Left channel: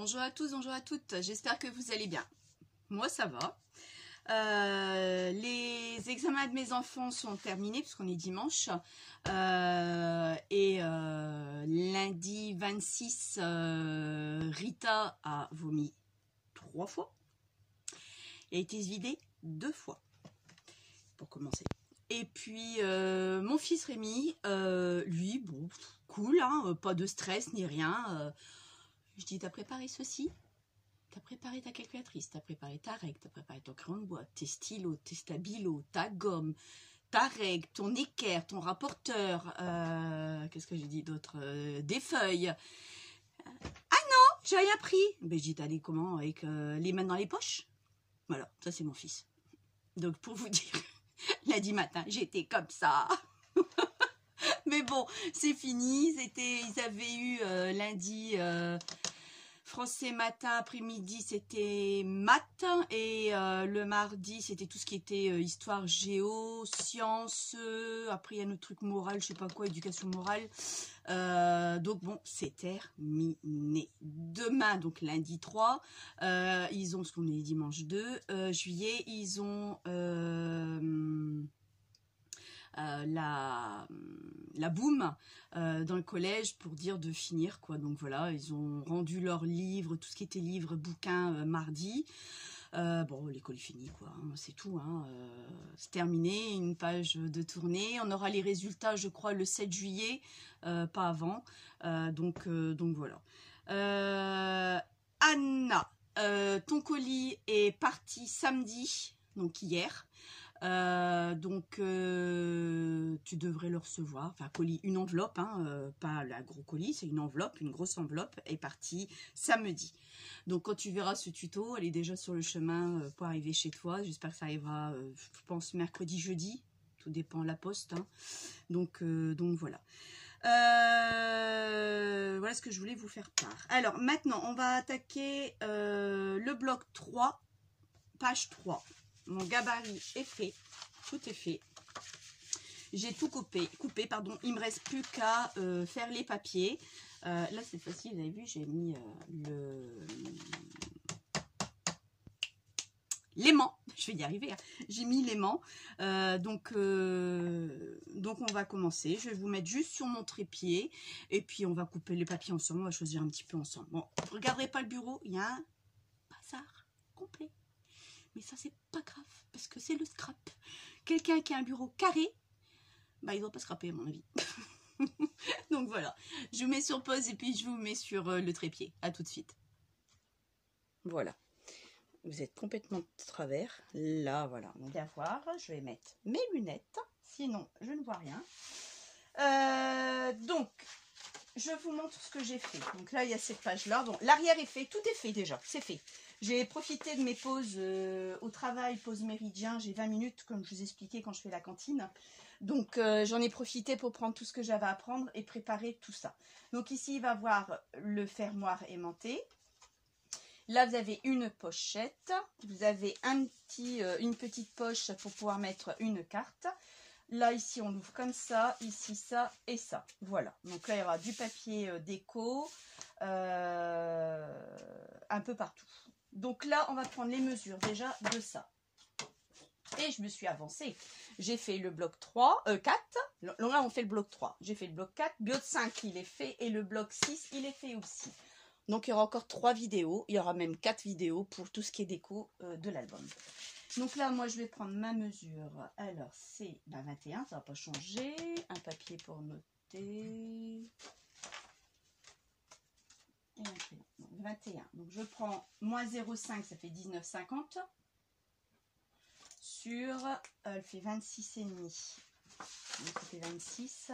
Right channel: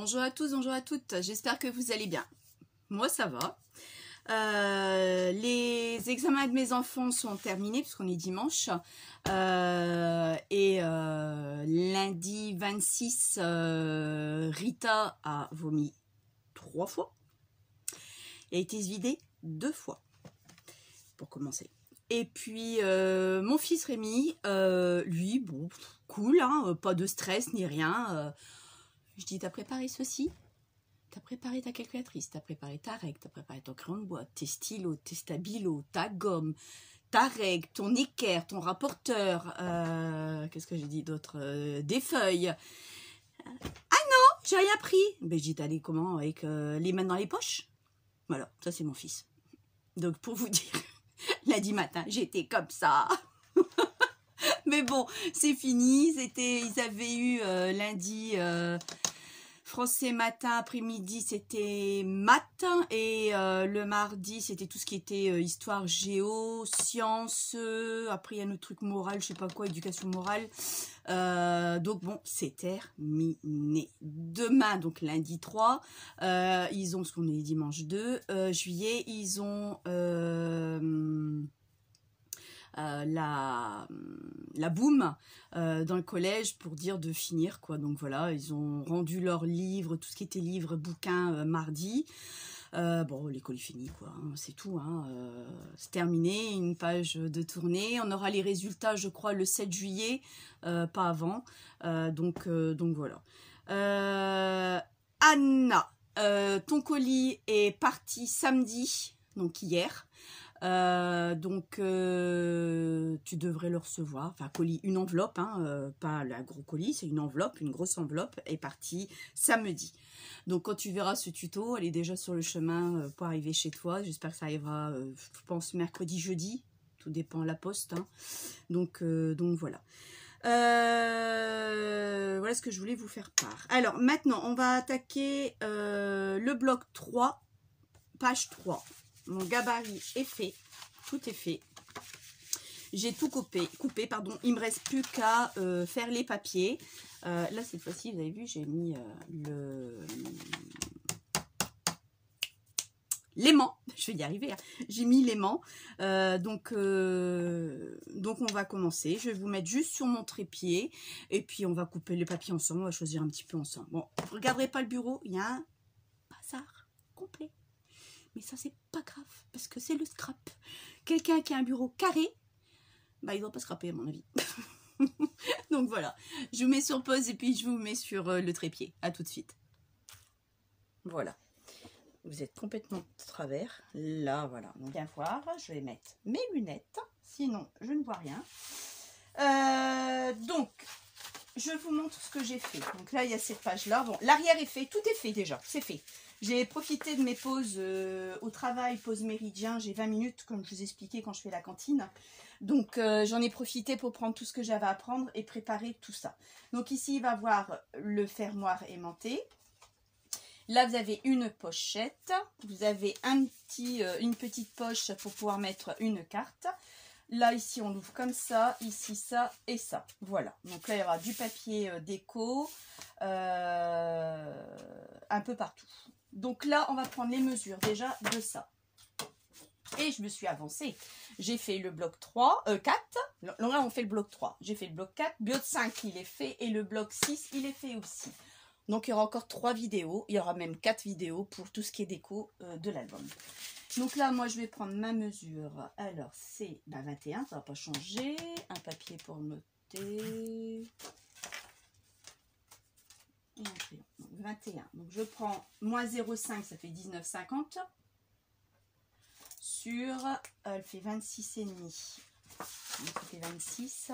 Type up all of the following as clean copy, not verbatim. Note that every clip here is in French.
Bonjour à tous, bonjour à toutes, j'espère que vous allez bien. Moi ça va. Les examens de mes enfants sont terminés parce qu'on est dimanche. Lundi 26, Rita a vomi 3 fois et a été vidée 2 fois pour commencer. Et puis mon fils Rémi, lui, bon, cool, hein, pas de stress ni rien. Je dis, t'as préparé ceci? T'as préparé ta calculatrice, t'as préparé ta règle, t'as préparé ton crayon de bois, tes stylos, tes stabilos, ta gomme, ta règle, ton équerre, ton rapporteur, qu'est-ce que j'ai dit d'autre, des feuilles. Ah non, j'ai rien pris. Ben, j'ai dit, t'es allé comment, avec les mains dans les poches? Voilà, ça c'est mon fils. Donc pour vous dire, lundi matin, j'étais comme ça. Mais bon, c'est fini. Ils avaient eu lundi français matin, après-midi, c'était maths. Et le mardi, c'était tout ce qui était histoire, géo, sciences. Après, il y a notre truc moral, je sais pas quoi, éducation morale. Donc bon, c'est terminé. Demain, donc lundi 3, ils ont, parce qu'on est dimanche 2 juillet, ils ont... la boum dans le collège pour dire de finir quoi. Donc voilà, ils ont rendu leurs livres, tout ce qui était livres, bouquins mardi. Bon, l'école est finie quoi, hein, c'est tout, hein, c'est terminé, une page de tournée. On aura les résultats je crois le 7 juillet, pas avant, donc voilà. Anna, ton colis est parti samedi, donc hier. Tu devrais le recevoir, enfin colis, une enveloppe, hein, pas la gros colis, c'est une enveloppe, une grosse enveloppe est partie samedi. Donc quand tu verras ce tuto, elle est déjà sur le chemin pour arriver chez toi. J'espère que ça arrivera, je pense mercredi, jeudi, tout dépend de la poste, hein. Donc voilà. Voilà ce que je voulais vous faire part. Alors maintenant on va attaquer le bloc 3, page 3. Mon gabarit est fait, tout est fait. J'ai tout coupé, pardon. Il me reste plus qu'à faire les papiers. Là, cette fois-ci, vous avez vu, j'ai mis l'aimant. Je vais y arriver, hein. J'ai mis l'aimant. Donc, on va commencer. Je vais vous mettre juste sur mon trépied. Et puis, on va couper les papiers ensemble. On va choisir un petit peu ensemble. Bon, vous ne regarderez pas le bureau. Il y a un bazar complet. Mais ça, c'est pas grave, parce que c'est le scrap. Quelqu'un qui a un bureau carré, bah, il doit pas scraper, à mon avis. Donc voilà, je vous mets sur pause et puis je vous mets sur le trépied. À tout de suite. Voilà. Vous êtes complètement de travers. Là, voilà. On vient voir. Je vais mettre mes lunettes. Sinon, je ne vois rien. Donc, je vous montre ce que j'ai fait. Donc là, il y a cette page-là. Bon, l'arrière est fait. Tout est fait déjà. C'est fait. J'ai profité de mes pauses au travail, pause méridien. J'ai 20 minutes, comme je vous expliquais quand je fais la cantine. Donc, j'en ai profité pour prendre tout ce que j'avais à prendre et préparer tout ça. Donc ici, il va y avoir le fermoir aimanté. Là, vous avez une pochette. Vous avez une petite poche pour pouvoir mettre une carte. Là, ici, on l'ouvre comme ça. Ici, ça et ça. Voilà. Donc là, il y aura du papier déco un peu partout. Donc là, on va prendre les mesures déjà de ça. Et je me suis avancée. J'ai fait le bloc 4. Là, on fait le bloc 3. J'ai fait le bloc 4. Le bloc 5, il est fait. Et le bloc 6, il est fait aussi. Donc, il y aura encore 3 vidéos. Il y aura même 4 vidéos pour tout ce qui est déco de l'album. Donc là, moi, je vais prendre ma mesure. Alors, c'est 21. Ça ne va pas changer. Un papier pour noter. Et un crayon. Donc 21. Donc je prends moins 0,5, ça fait 19,50. Sur, elle fait 26,5. Donc ça fait 26.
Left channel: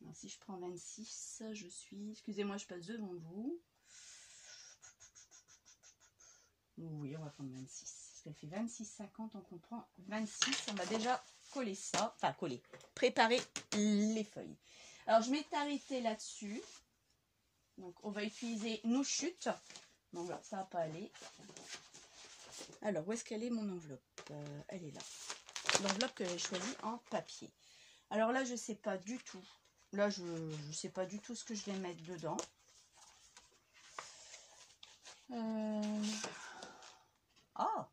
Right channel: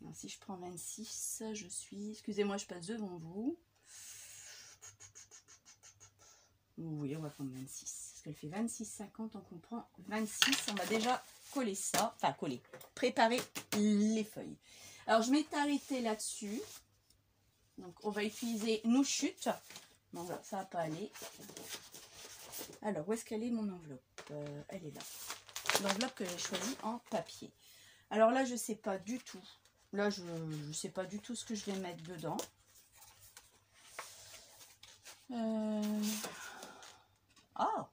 Donc, si je prends 26, je suis... Excusez-moi, je passe devant vous. Oui, on va prendre 26. Parce qu'elle fait 26,50, donc on prend 26. On va déjà coller ça. Enfin, coller. Préparer les feuilles. Alors, je m'étais arrêtée là-dessus. Donc, on va utiliser nos chutes. Bon, là, ça va pas aller. Alors, où est-ce qu'elle est, mon enveloppe? Elle est là. L'enveloppe que j'ai choisie en papier. Alors là, je ne sais pas du tout Là, je ne sais pas du tout ce que je vais mettre dedans. Ah,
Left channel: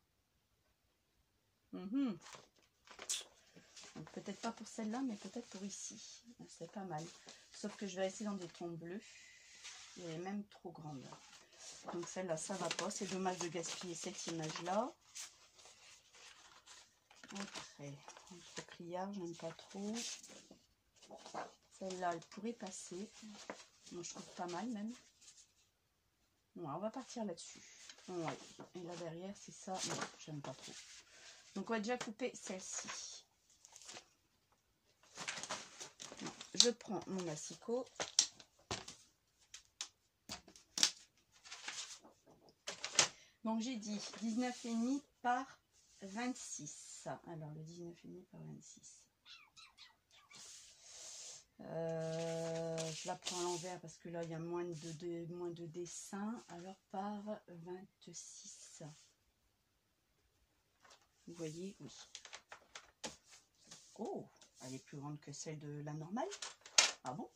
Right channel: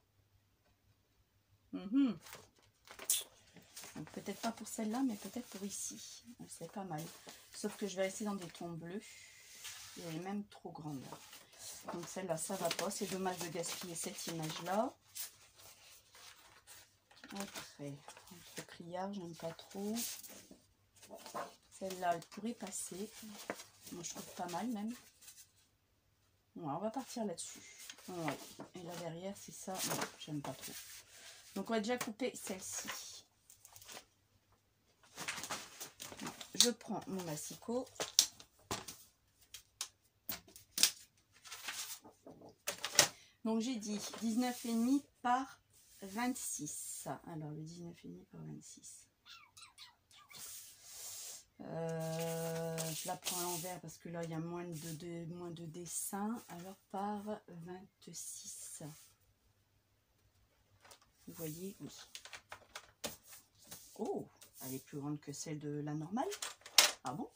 peut-être pas pour celle-là, mais peut-être pour ici. C'est pas mal. Sauf que je vais rester dans des tons bleus. Elle est même trop grande. Donc celle-là, ça va pas. C'est dommage de gaspiller cette image-là. Après, entre criard, j'aime pas trop. Celle-là, elle pourrait passer. Moi, je trouve pas mal même. Bon, on va partir là-dessus. Ouais. Et là derrière, c'est ça. Non, j'aime pas trop. Donc, on va déjà couper celle-ci. Je prends mon massicot. Donc, j'ai dit 19,5 par 26. Alors, le 19,5 par 26. Je la prends à l'envers parce que là, il y a moins de dessins. Alors, par 26. Vous voyez, oui. Oh, elle est plus grande que celle de la normale. Ah bon?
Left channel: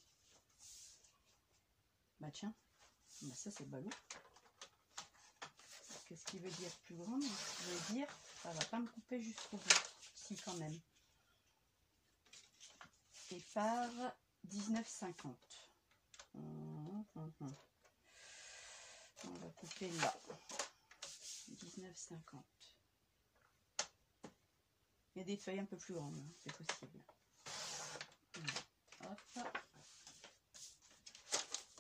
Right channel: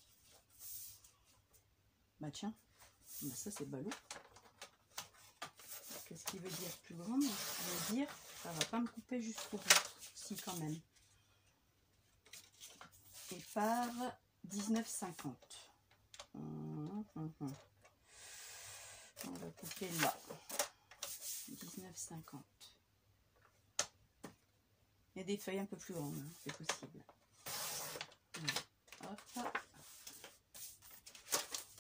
Bah tiens, bah ça c'est ballot. Qu'est-ce qui veut dire plus grande? Ça veut dire ça va pas me couper jusqu'au bout. Si, quand même. Et par 19,50. On va couper là. 19,50. Et des feuilles un peu plus grandes, hein, c'est possible. Hop.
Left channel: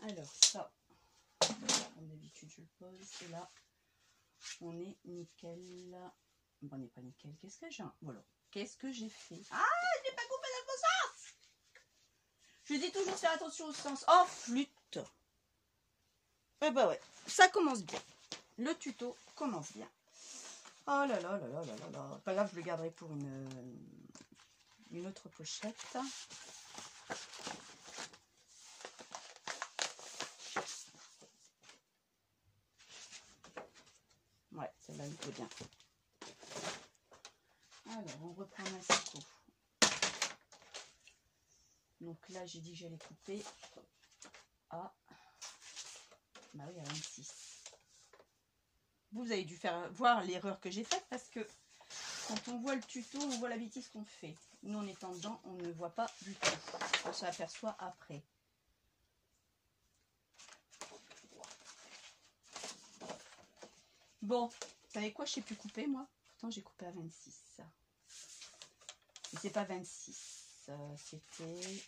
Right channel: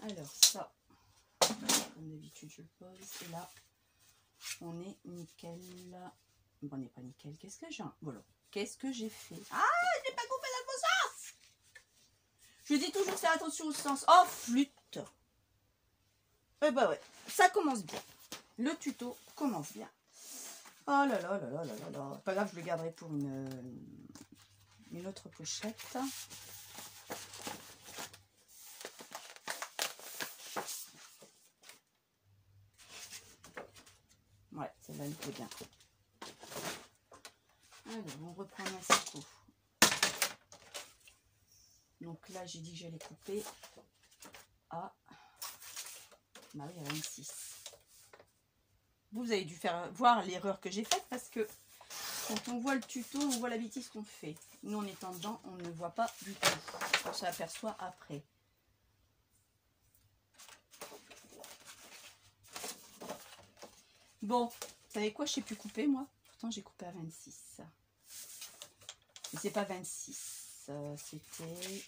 Alors ça, comme d'habitude je le pose. Et là, on est nickel. Bon, on n'est pas nickel. Qu'est-ce que j'ai? Voilà. Qu'est-ce que j'ai fait? Ah, je n'ai pas coupé dans le bon sens. Je dis toujours de faire attention au sens. Oh, flûte. Eh ben ouais, ça commence bien. Le tuto commence bien. Oh là là là là là là là. Pas grave, je le garderai pour une autre pochette. Ouais, celle-là me plaît bien. Alors, on reprend un massicot. Donc là, j'ai dit que j'allais couper à... Bah oui, à 26. Vous avez dû voir l'erreur que j'ai faite parce que quand on voit le tuto, on voit la bêtise qu'on fait. Nous, en étant dedans, on ne voit pas du tout. On s'aperçoit après. Bon, vous savez quoi, je sais plus couper, moi. Pourtant, j'ai coupé à 26. Mais c'est pas 26. C'était...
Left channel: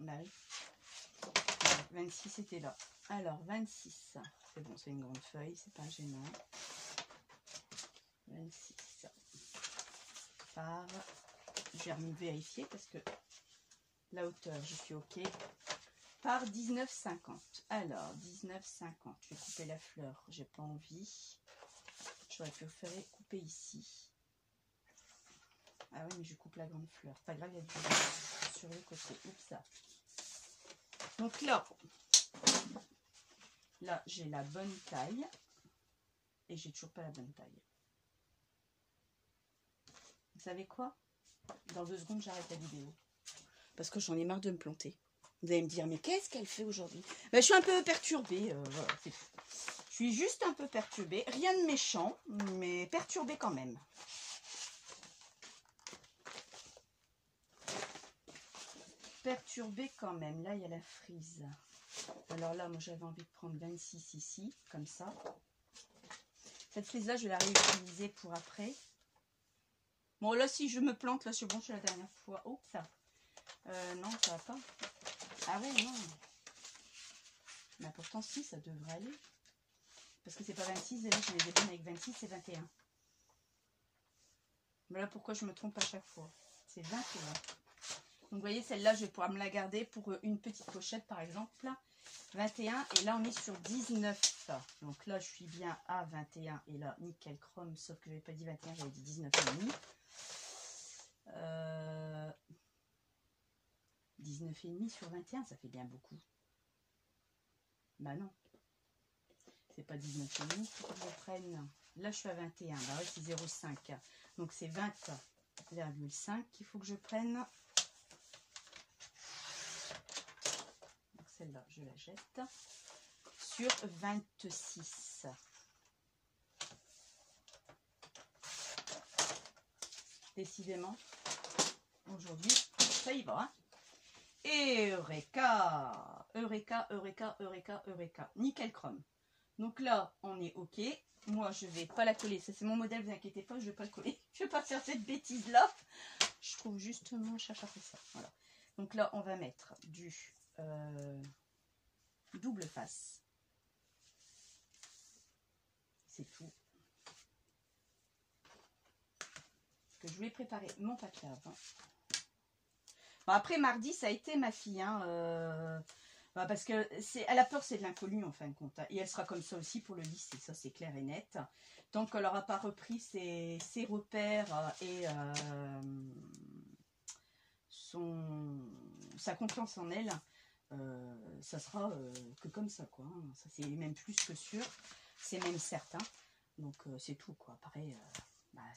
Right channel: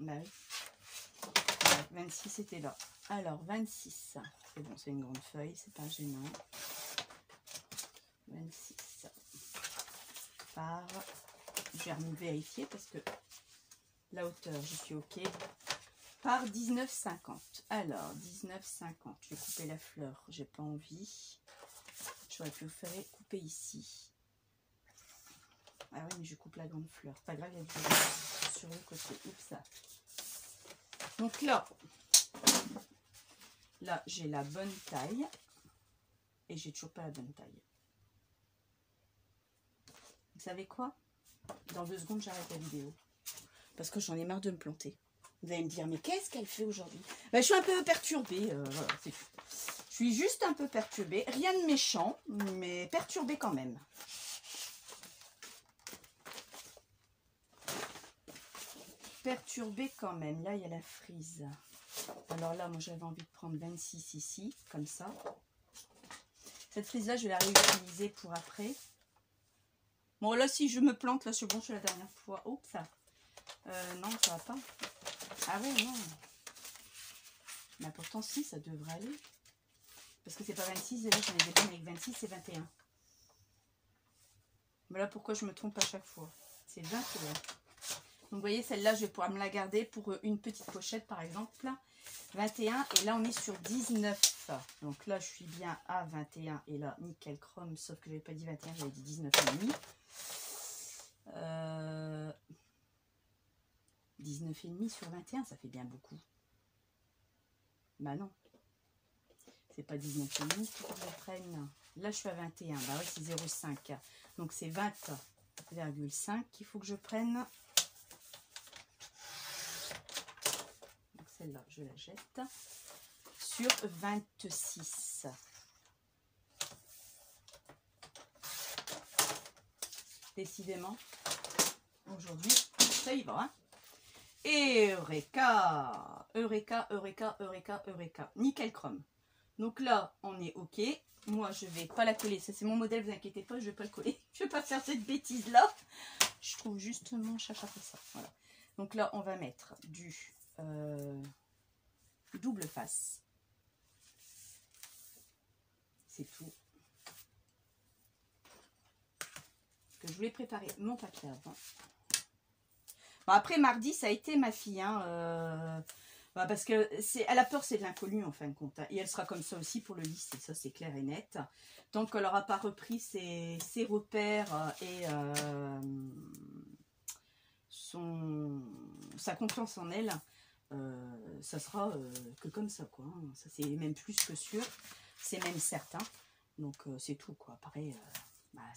Bah oui. 26 c'était là. Alors 26. C'est bon, c'est une grande feuille, c'est pas gênant. 26 par... Je vais vérifier parce que la hauteur, je suis ok. Par 19,50. Alors 19,50. Je vais couper la fleur, j'ai pas envie. J'aurais préféré couper ici. Ah oui, mais je coupe la grande fleur. Pas grave, il y a du sur le côté. Oups, ça. Donc là j'ai la bonne taille. Et j'ai toujours pas la bonne taille. Vous savez quoi? Dans 2 secondes, j'arrête la vidéo. Parce que j'en ai marre de me planter. Vous allez me dire, mais qu'est-ce qu'elle fait aujourd'hui? Ben, je suis un peu perturbée. Voilà, c'est tout. Je suis juste un peu perturbée. Rien de méchant, mais perturbée quand même. Perturbée quand même. Là, il y a la frise. Alors là, moi, j'avais envie de prendre 26 ici, comme ça. Cette frise-là, je vais la réutiliser pour après. Bon, là, si je me plante, là, c'est bon, c'est la dernière fois. Oh, ça. Non, ça va pas. Ah ouais, non. Mais pourtant, si, ça devrait aller. Parce que c'est pas 26, et là, j'en ai des avec 26, c'est 21. Mais là, pourquoi je me trompe à chaque fois? C'est 21. Donc, vous voyez, celle-là, je vais pouvoir me la garder pour une petite pochette, par exemple. 21, et là, on est sur 19. Donc là, je suis bien à 21, et là, nickel chrome, sauf que je n'avais pas dit 21, j'avais dit 19,5. 19,5 sur 21, ça fait bien beaucoup. Bah non. C'est pas 19,5 pour que je prenne. Là, je suis à 21. Bah oui, c'est 0,5. Donc, c'est 20. 20,5 qu'il faut que je prenne. Donc celle-là, je la jette. Sur 26. Décidément, aujourd'hui, ça y va. Hein. Et Eureka! Eureka, Eureka, Eureka, Eureka. Nickel chrome. Donc là, on est OK. Moi, je vais pas la coller. Ça, c'est mon modèle, vous inquiétez pas, je vais pas le coller. Je vais pas faire cette bêtise-là. Je trouve juste mon chacha pour ça. Voilà. Donc là, on va mettre du double face. C'est tout. Parce que je voulais préparer mon papier avant. Bon, après, mardi, ça a été ma fille. Hein, parce que elle a peur, c'est de l'inconnu en fin de compte. Hein, et elle sera comme ça aussi pour le lycée. Ça, c'est clair et net. Tant qu'elle n'aura pas repris ses repères et sa confiance en elle, ça sera que comme ça, quoi. Hein. Ça, c'est même plus que sûr. C'est même certain. Donc, c'est tout, quoi. Pareil,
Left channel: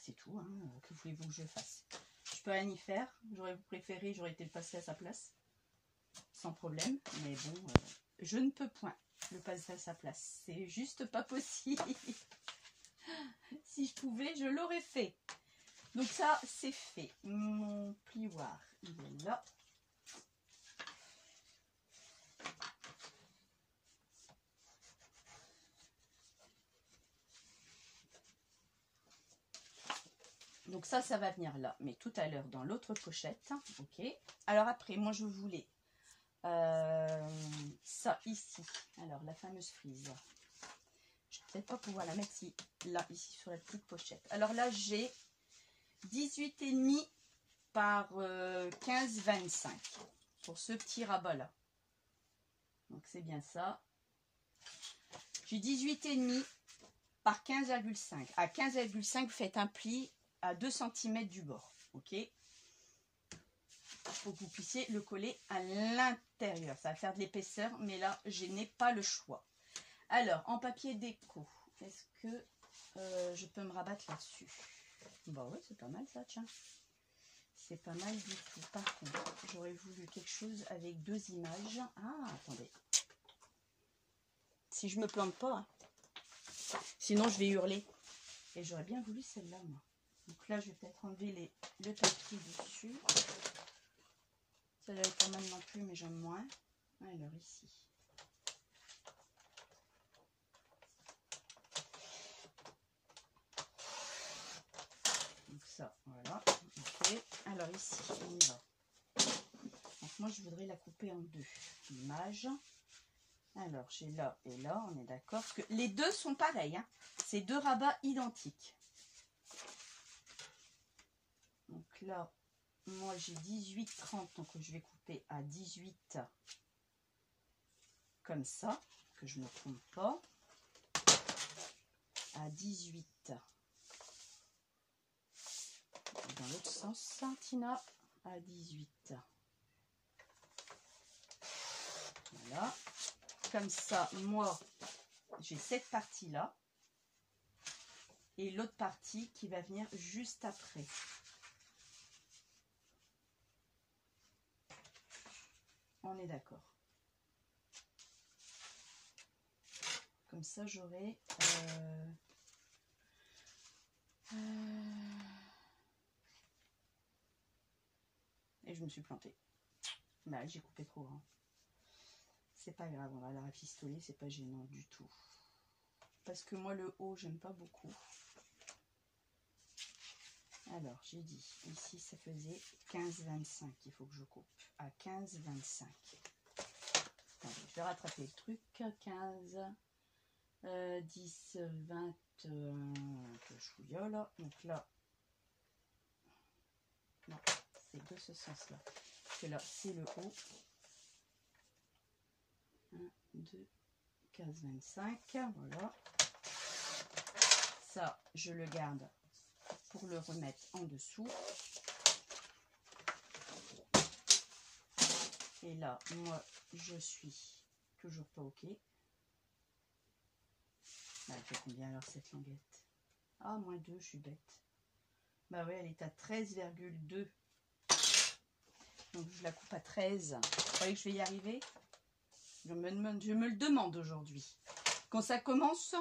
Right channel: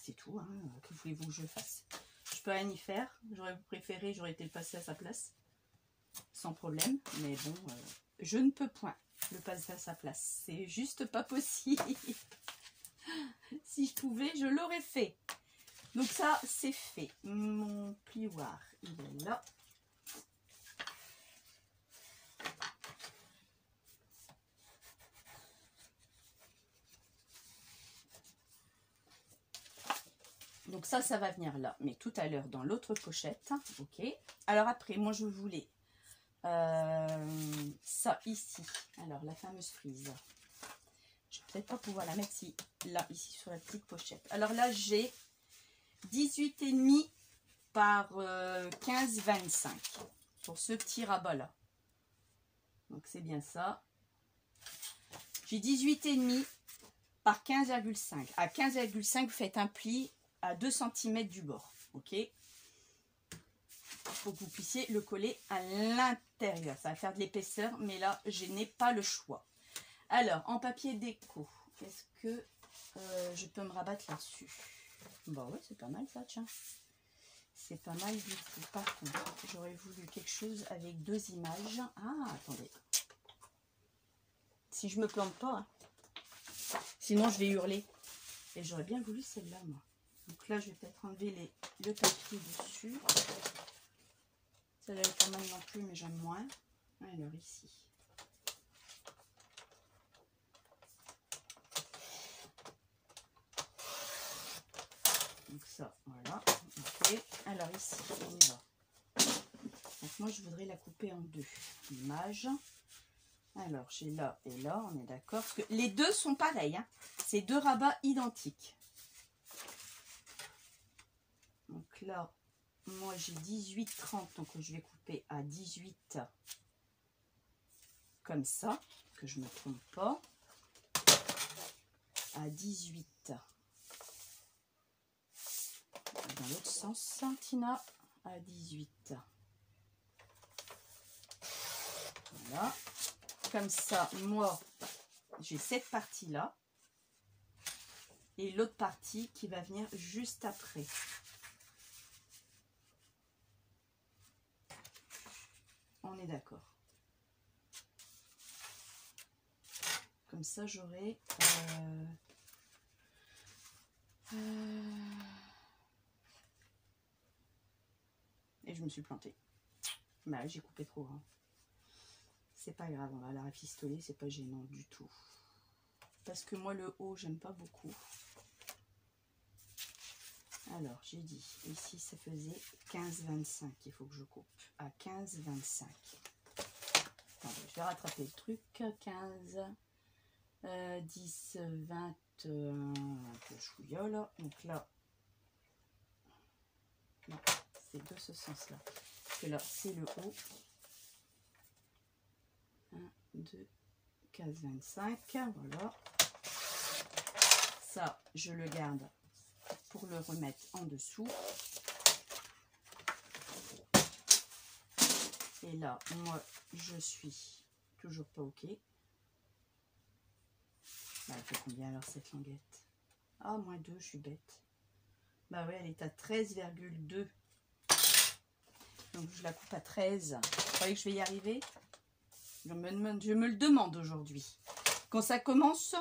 c'est tout. Hein. Que voulez-vous que je fasse? Je peux rien y faire. J'aurais préféré, j'aurais été le passer à sa place. Sans problème. Mais bon, je ne peux point le passer à sa place. C'est juste pas possible. Si je pouvais, je l'aurais fait. Donc ça, c'est fait. Mon plioir, il est là. Donc ça va venir là. Mais tout à l'heure, dans l'autre pochette. Ok. Alors après, moi, je voulais ça ici. Alors, la fameuse frise. Je vais peut-être pas pouvoir la mettre là, ici, sur la petite pochette. Alors là, j'ai 18,5 par 15,25 pour ce petit rabat-là. Donc, c'est bien ça. J'ai 18,5 par 15,5. À 15,5, vous faites un pli à 2 cm du bord. Ok, pour que vous puissiez le coller à l'intérieur. Ça va faire de l'épaisseur, mais là, je n'ai pas le choix. Alors, en papier déco, est-ce que je peux me rabattre là-dessus? Bah ouais, c'est pas mal ça, tiens. C'est pas mal du tout. Par contre, j'aurais voulu quelque chose avec 2 images. Ah, attendez. Si je me plante pas, hein. Sinon je vais hurler. Et j'aurais bien voulu celle-là, moi. Donc là, je vais peut-être enlever le papier dessus. Celle-là est pas mal non plus, mais j'aime moins. Alors ici. Donc ça, voilà. Ok. Alors ici, on y va. Donc moi, je voudrais la couper en 2 images. Alors, j'ai là et là, on est d'accord. Parce que les deux sont pareils. Hein. C'est 2 rabats identiques. Donc là, moi j'ai 18,30, donc je vais couper à 18 comme ça, que je ne me trompe pas. À 18. Dans l'autre sens, Tina, à 18. Voilà. Comme ça, moi, j'ai cette partie-là. Et l'autre partie qui va venir juste après. On est d'accord. Comme ça, j'aurai... Et je me suis plantée. Bah, j'ai coupé trop grand. C'est pas grave, on va la rafistoler, c'est pas gênant du tout. Parce que moi, le haut, j'aime pas beaucoup. Alors, j'ai dit, ici, ça faisait 15,25 qu'il faut que je coupe. À 15,25. Attendez, je vais rattraper le truc. 15, 10, 20, un peu chouillole. Donc là, non, c'est de ce sens-là. Parce que là, c'est le haut. 1, 2, 15,25. Voilà. Ça, je le garde pour le remettre en dessous. Et là, moi, je suis toujours pas OK. Bah, elle fait combien alors cette languette? Ah, -2, je suis bête. Bah ouais, elle est à 13,2. Donc je la coupe à 13. Vous croyez que je vais y arriver? Je me le demande aujourd'hui. Quand ça commence,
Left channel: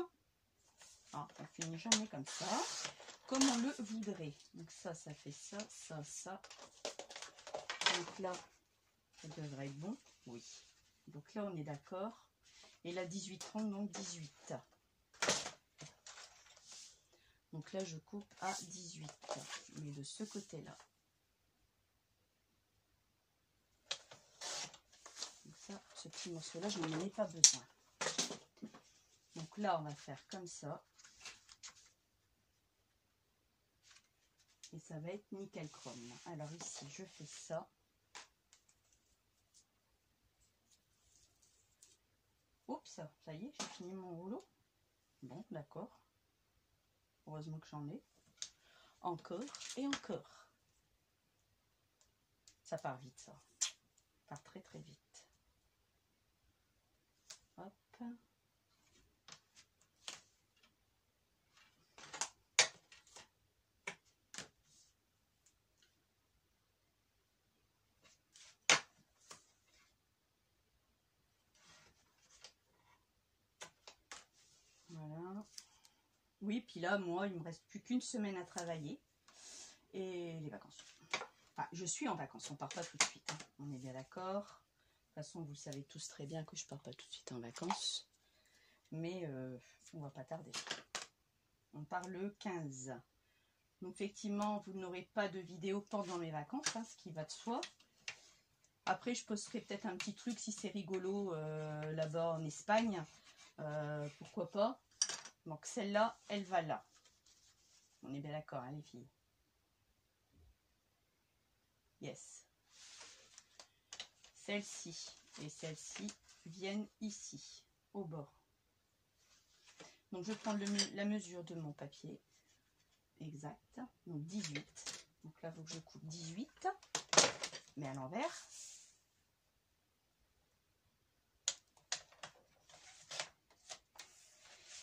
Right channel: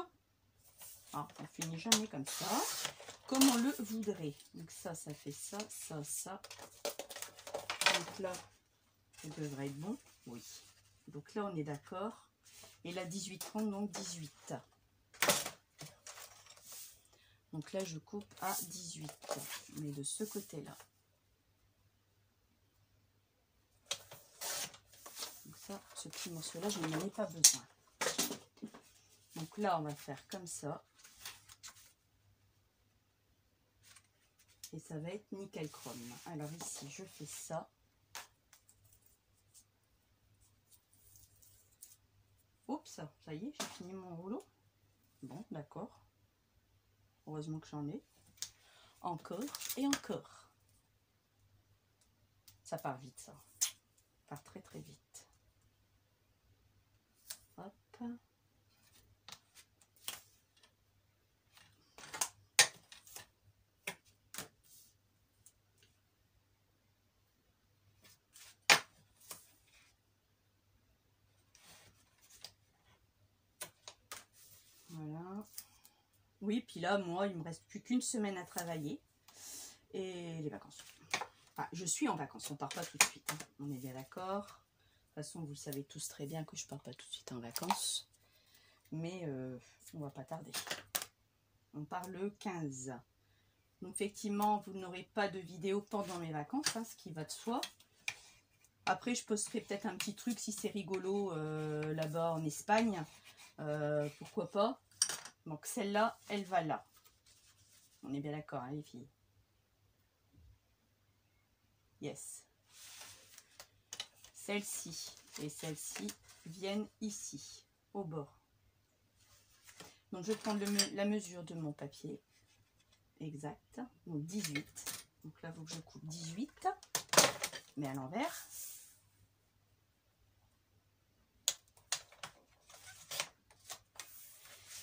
on finit jamais comme ça. Comme on le voudrait. Donc ça fait ça, ça, ça. Donc là, ça devrait être bon. Oui. Donc là, on est d'accord. Et là, 18,30, donc 18. Donc là, je coupe à 18. Je mets de ce côté-là. Donc ça, ce petit morceau-là, je n'en ai pas besoin. Donc là, on va faire comme ça. Et ça va être nickel chrome. Alors ici, je fais ça. Oups, ça y est, j'ai fini mon rouleau. Bon, d'accord. Heureusement que j'en ai. Encore et encore. Ça part vite, ça. Ça part très très vite. Hop. Voilà. Oui, puis là, moi, il me reste plus qu'une semaine à travailler. Et les vacances. Ah, je suis en vacances, on part pas tout de suite. Hein. On est bien d'accord. De toute façon, vous le savez tous très bien que je pars pas tout de suite en vacances. Mais on va pas tarder. On part le 15. Donc effectivement, vous n'aurez pas de vidéo pendant mes vacances, hein, ce qui va de soi. Après, je posterai peut-être un petit truc si c'est rigolo là-bas en Espagne. Pourquoi pas. Donc celle-là, elle va là. On est bien d'accord, hein, les filles. Yes. Celle-ci et celle-ci viennent ici, au bord. Donc je prends la mesure de mon papier. Exact. Donc 18. Donc là, il faut que je coupe 18. Mais à l'envers.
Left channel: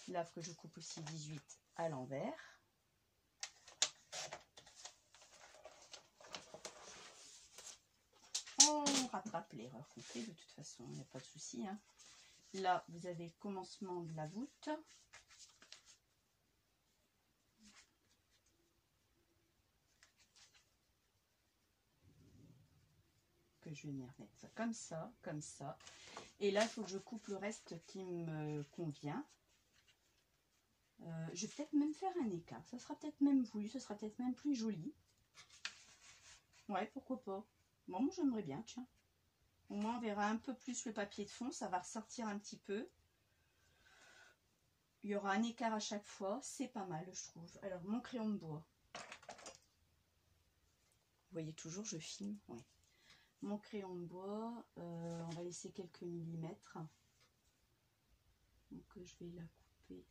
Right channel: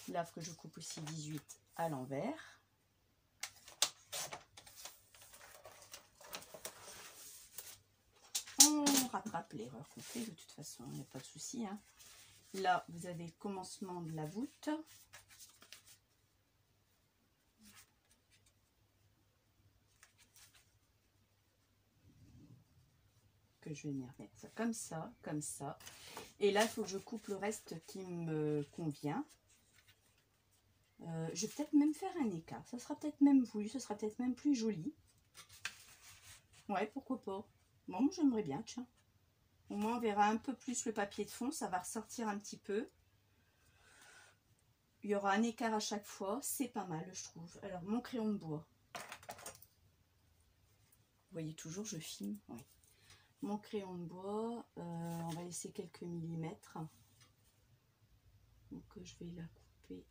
Là, il faut que je coupe aussi 18 à l'envers. On rattrape l'erreur qu'on fait de toute façon, il n'y a pas de souci. Hein. Là, vous avez le commencement de la voûte. Que je vais venir mettre ça comme ça, comme ça. Et là, il faut que je coupe le reste qui me convient. Je vais peut-être même faire un écart. Ça sera peut-être même voulu, ce sera peut-être même plus joli. Ouais, pourquoi pas. Bon, moi j'aimerais bien, tiens. Au moins, on verra un peu plus le papier de fond. Ça va ressortir un petit peu. Il y aura un écart à chaque fois. C'est pas mal, je trouve. Alors, mon crayon de bois. Vous voyez toujours, je filme. Ouais. Mon crayon de bois. On va laisser quelques millimètres. Donc, je vais la couper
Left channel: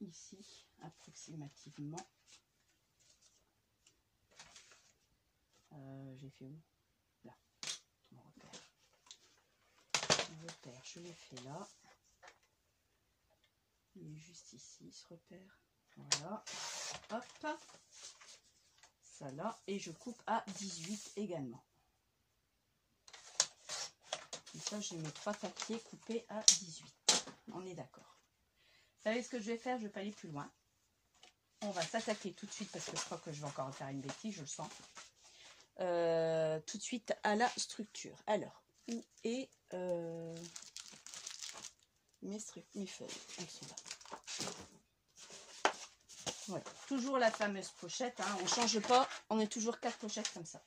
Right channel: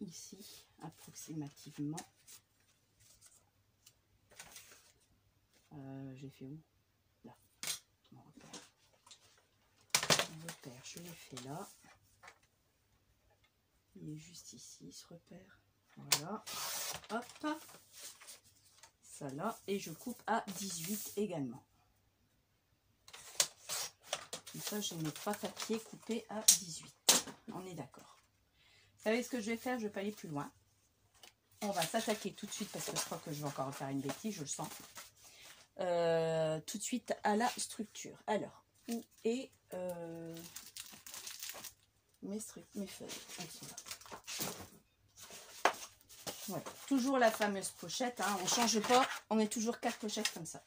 ici, approximativement. J'ai fait où? Là. Mon repère. Mon repère, je l'ai fait là. Il est juste ici, ce repère. Voilà. Hop. Ça là. Et je coupe à 18 également. Comme ça, j'ai mes 3 papiers coupés à 18. On est d'accord. Vous savez ce que je vais faire? Je ne vais pas aller plus loin. On va s'attaquer tout de suite parce que je crois que je vais encore faire une bêtise, je le sens. Tout de suite à la structure. Alors, où est mes feuilles? Elles sont là. Voilà. Toujours la fameuse pochette, hein. On ne change pas, on est toujours 4 pochettes comme ça.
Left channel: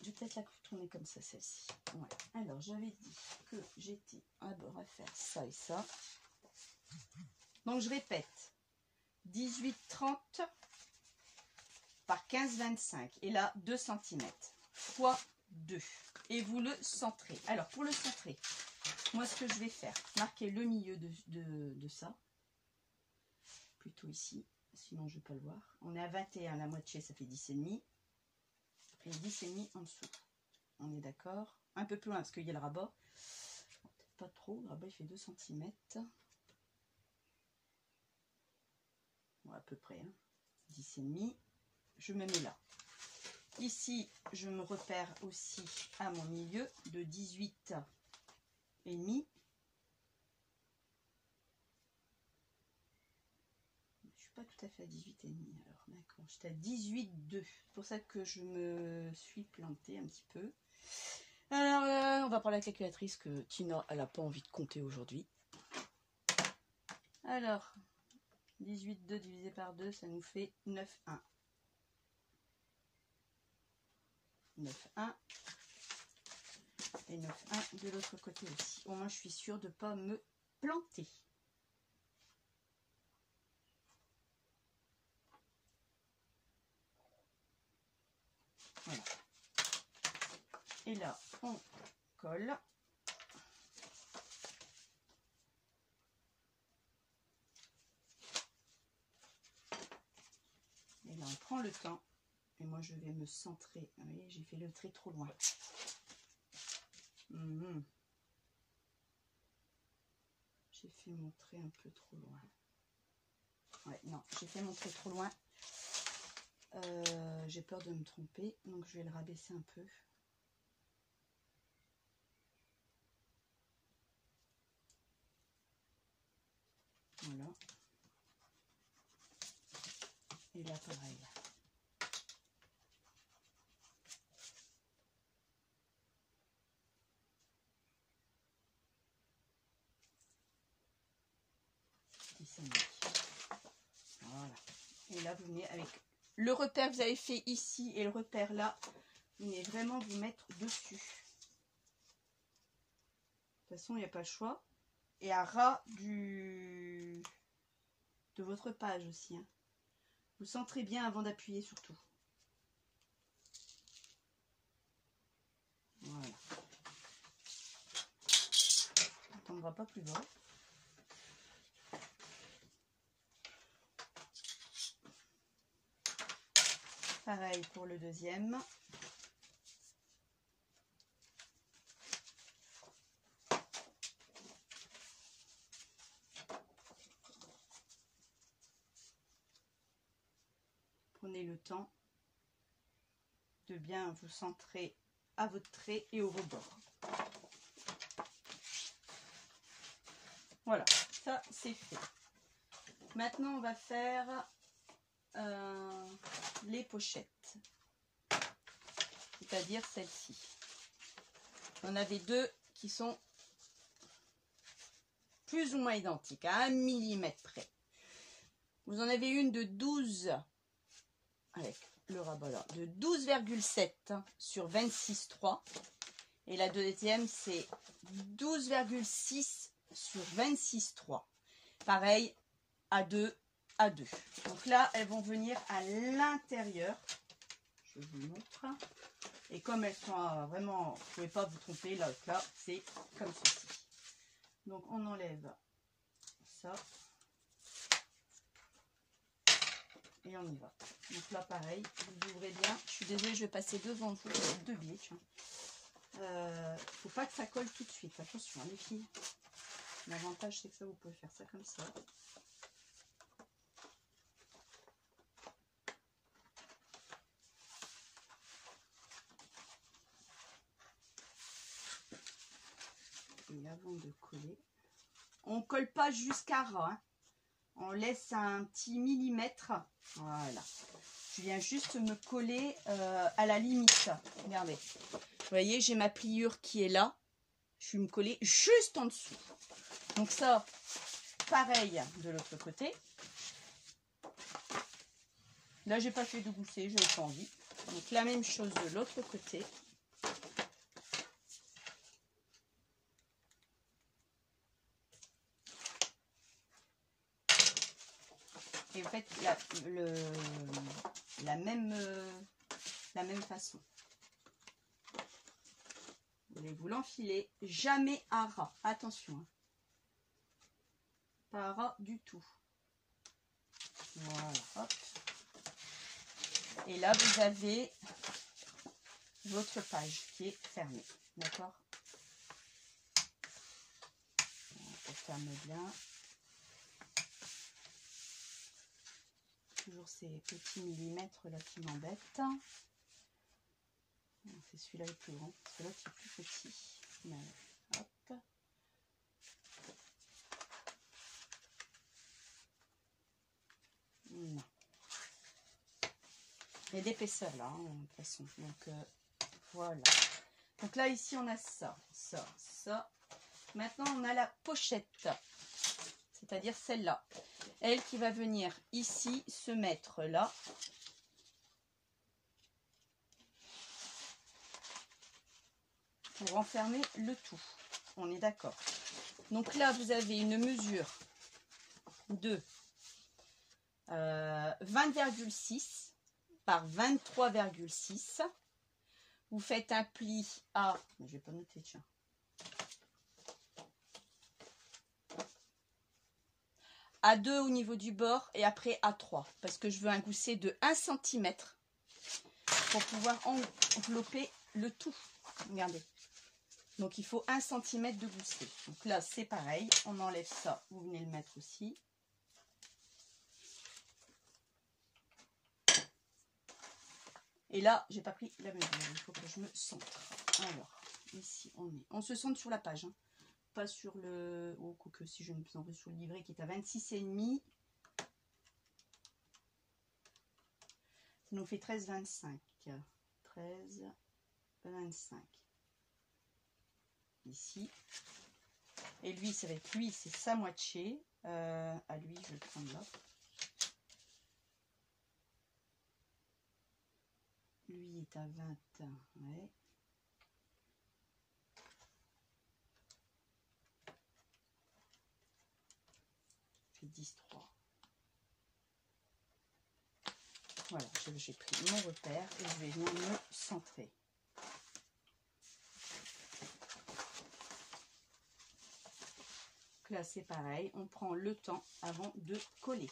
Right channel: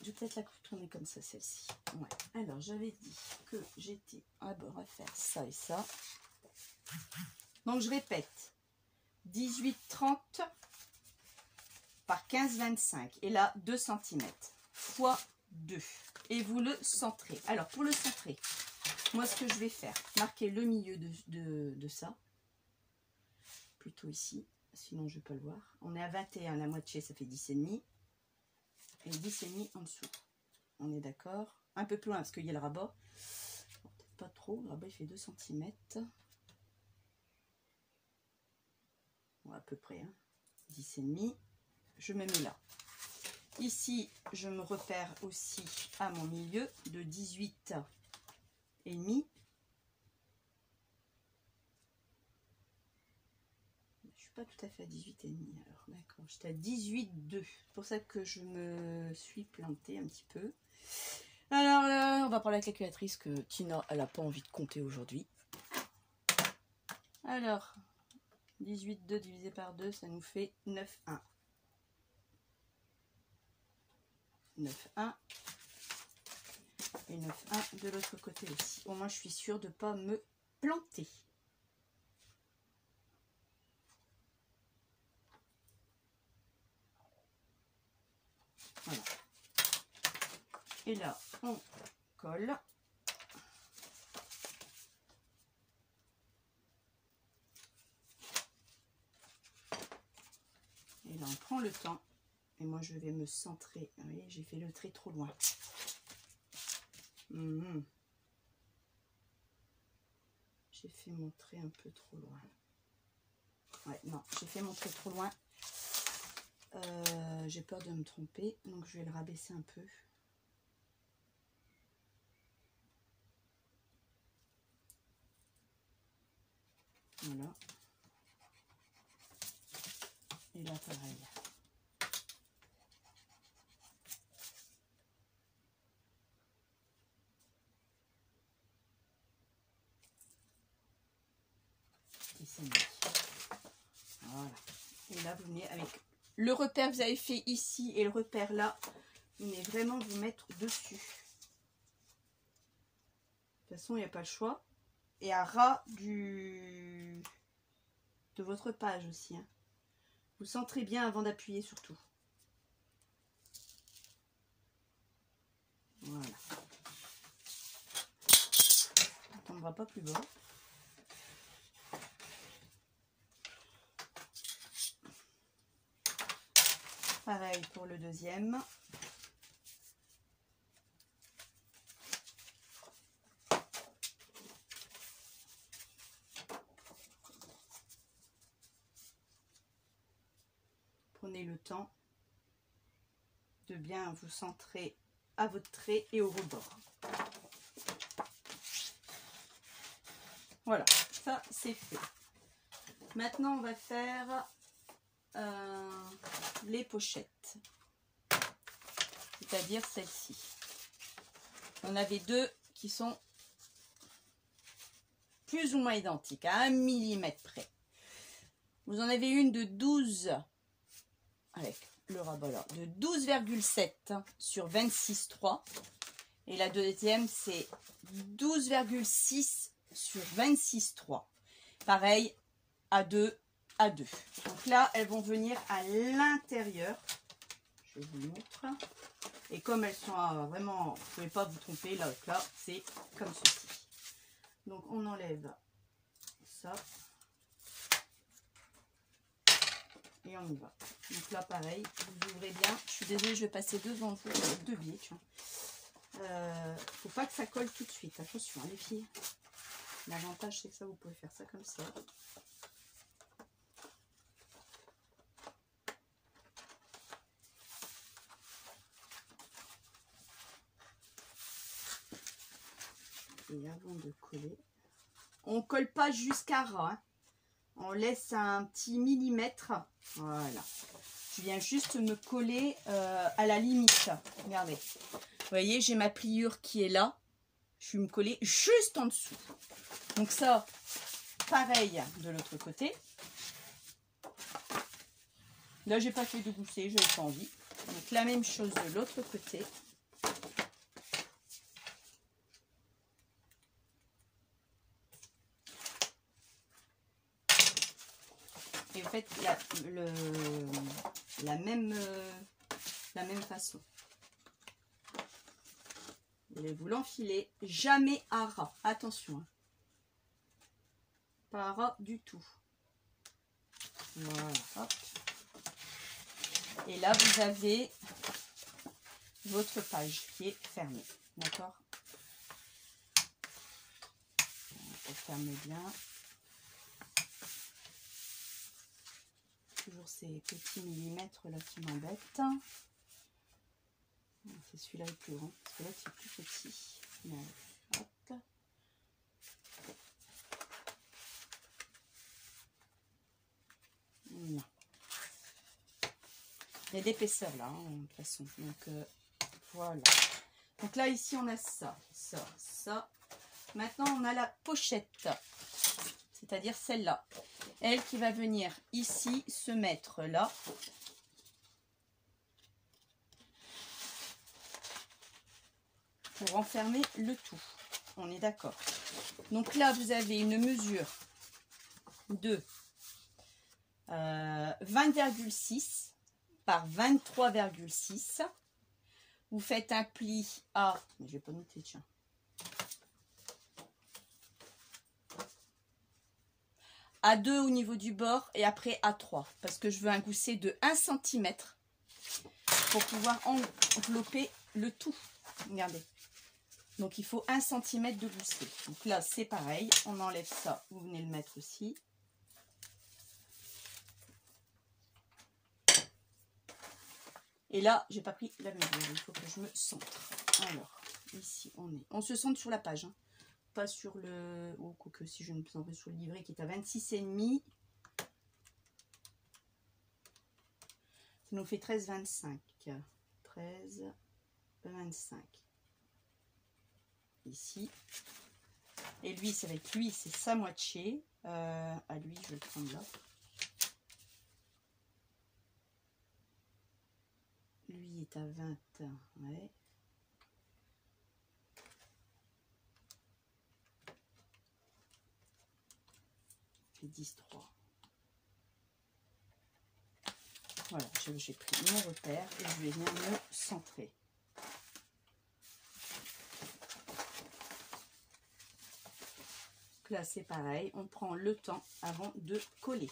Je vais peut-être la tourner comme ça, celle-ci. Ouais. Alors, j'avais dit que j'étais à faire ça et ça. Donc, je répète. 18,30 par 15,25. Et là, 2 cm fois 2. Et vous le centrez. Alors, pour le centrer, moi, ce que je vais faire, marquer le milieu de ça. Plutôt ici. Sinon, je ne vais pas le voir. On est à 21, la moitié, ça fait 10,5. Et 10,5 en dessous. On est d'accord. Un peu plus loin parce qu'il y a le rabat. Peut-être pas trop. Le rabat il fait 2 cm. bon, à peu près, hein, 10,5. Je me mets là. Ici, je me repère aussi à mon milieu de 18,5. Je suis pas tout à fait à 18,5 alors, d'accord. J'étais à 18,2. C'est pour ça que je me suis plantée un petit peu. Alors là, on va prendre la calculatrice que Tina, elle n'a pas envie de compter aujourd'hui. Alors, 18,2 divisé par 2, ça nous fait 9,1. 9,1. Et 9,1 de l'autre côté aussi. Au moins, je suis sûre de ne pas me planter. Voilà. Et là, on colle. Et là, on prend le temps. Et moi, je vais me centrer. Vous voyez, j'ai fait le trait trop loin. J'ai fait mon trait un peu trop loin. Ouais, non, j'ai fait mon trait trop loin. J'ai peur de me tromper, donc je vais le rabaisser un peu. Voilà. Et là, pareil. Et c'est mis. Voilà. Et là, vous venez avec le repère que vous avez fait ici et le repère là. Vous venez vraiment vous mettre dessus. De toute façon, il n'y a pas le choix. Et à ras de votre page aussi. Hein. Vous centrez bien avant d'appuyer surtout. Voilà. On ne tombera pas plus bas. Pareil pour le deuxième. Prenez le temps de bien vous centrer à votre trait et au rebord. Voilà, ça c'est fait. Maintenant on va faire les pochettes, c'est-à-dire celle-ci. On avait deux qui sont plus ou moins identiques, à 1 mm près. Vous en avez une de 12, avec le rabat là, de 12,7 sur 26,3. Et la deuxième, c'est 12,6 sur 26,3. Pareil, à 2, à 2. Donc là, elles vont venir à l'intérieur. Je vous montre. Et comme elles sont vraiment, vous ne pouvez pas vous tromper, là, c'est comme ceci. Donc on enlève ça. Et on y va. Donc là, pareil, vous ouvrez bien. Je suis désolée, je vais passer devant vous, deux biais. Faut pas que ça colle tout de suite. Attention, les filles. L'avantage, c'est que ça, vous pouvez faire ça comme ça. Et avant de coller, on colle pas jusqu'à ras. Hein. On laisse un petit millimètre. Voilà. Je viens juste me coller à la limite. Regardez. Vous voyez, j'ai ma pliure qui est là. Je vais me coller juste en dessous. Donc ça, pareil de l'autre côté. Là, j'ai pas fait de gousset, j'avais pas envie. Donc la même chose de l'autre côté. Et vous faites la même façon. Vous voulez vous l'enfiler, jamais à ras. Attention. Hein. Pas à ras du tout. Voilà. Hop. Et là, vous avez votre page qui est fermée. D'accord? On ferme bien. toujours ces petits millimètres là qui m'embêtent. C'est celui-là le plus grand, parce que l'autre c'est plus petit. Là, hop. Non. Il y a d'épaisseur là, hein, de toute façon. Donc voilà. Donc là, ici, on a ça, ça, ça. Maintenant, on a la pochette, c'est-à-dire celle-là. Elle qui va venir ici se mettre là. Pour renfermer le tout. On est d'accord. Donc là, vous avez une mesure de 20,6 par 23,6. Vous faites un pli à... Je vais pas noter, tiens. À 2 au niveau du bord et après à 3. Parce que je veux un gousset de 1 cm pour pouvoir envelopper le tout. Regardez. Donc il faut 1 cm de gousset. Donc là, c'est pareil. On enlève ça. Vous venez le mettre aussi. Et là, j'ai pas pris la mesure. Il faut que je me centre. Alors, ici, on se centre sur la page. Hein. Pas sur le... Oh, quoique si je me centre sur le livret qui est à 26,5. Ça nous fait 13,25. 13,25. Ici. Et lui, ça va être lui, c'est sa moitié. À lui, je vais le prendre là. Lui est à 20, ouais. Fait 10,3. Voilà, j'ai pris mon repère et je vais venir me centrer. Donc là, c'est pareil, on prend le temps avant de coller.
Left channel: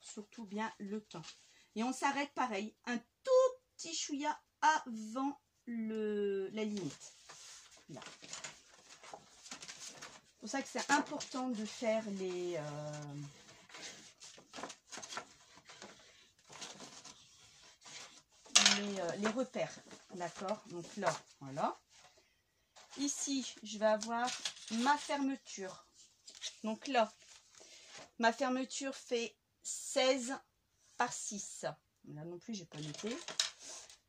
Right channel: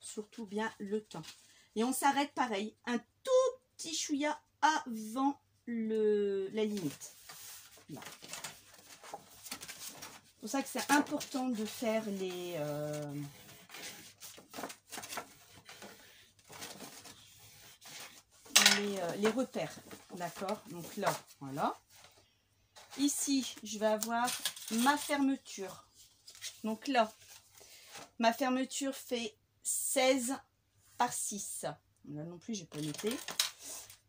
Surtout bien le temps. Et on s'arrête pareil, un tout petit chouïa avant la limite. Là. C'est pour ça que c'est important de faire les repères. D'accord? Donc là, voilà. Ici, je vais avoir ma fermeture. Donc là, ma fermeture fait 16 par 6. Là non plus, je n'ai pas noté.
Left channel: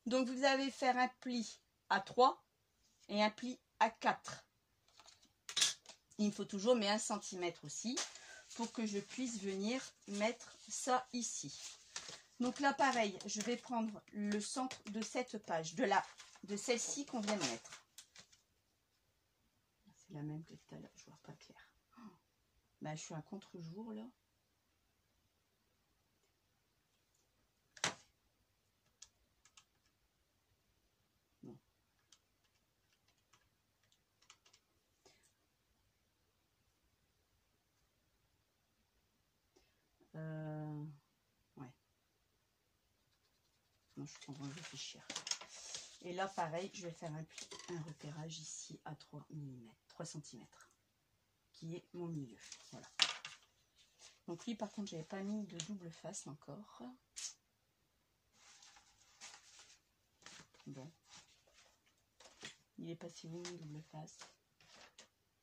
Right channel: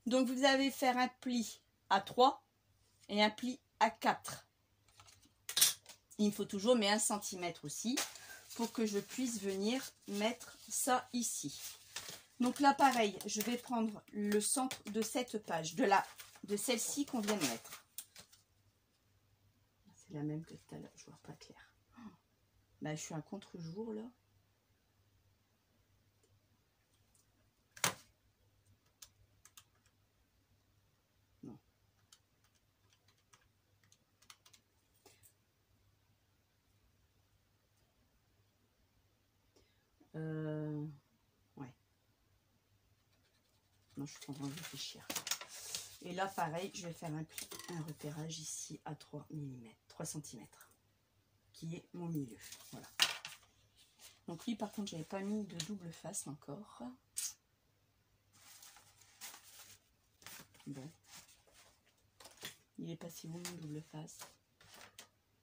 Donc, vous allez faire un pli à 3 et un pli à 4. Il faut toujours mais 1 cm aussi pour que je puisse venir mettre ça ici. Donc là, pareil, je vais prendre le centre de cette page, de celle-ci qu'on vient de mettre. C'est la même que tout à l'heure, je vois pas clair. Bah, je suis à contre-jour là. Non. Ouais. Non, je suis en train de réfléchir. Et là, pareil, je vais faire un repérage ici à 3 mm, 3 cm, qui est mon milieu. Voilà. Donc lui, par contre, j'avais pas mis de double face encore. Bon. Il est pas si bon, mon double face.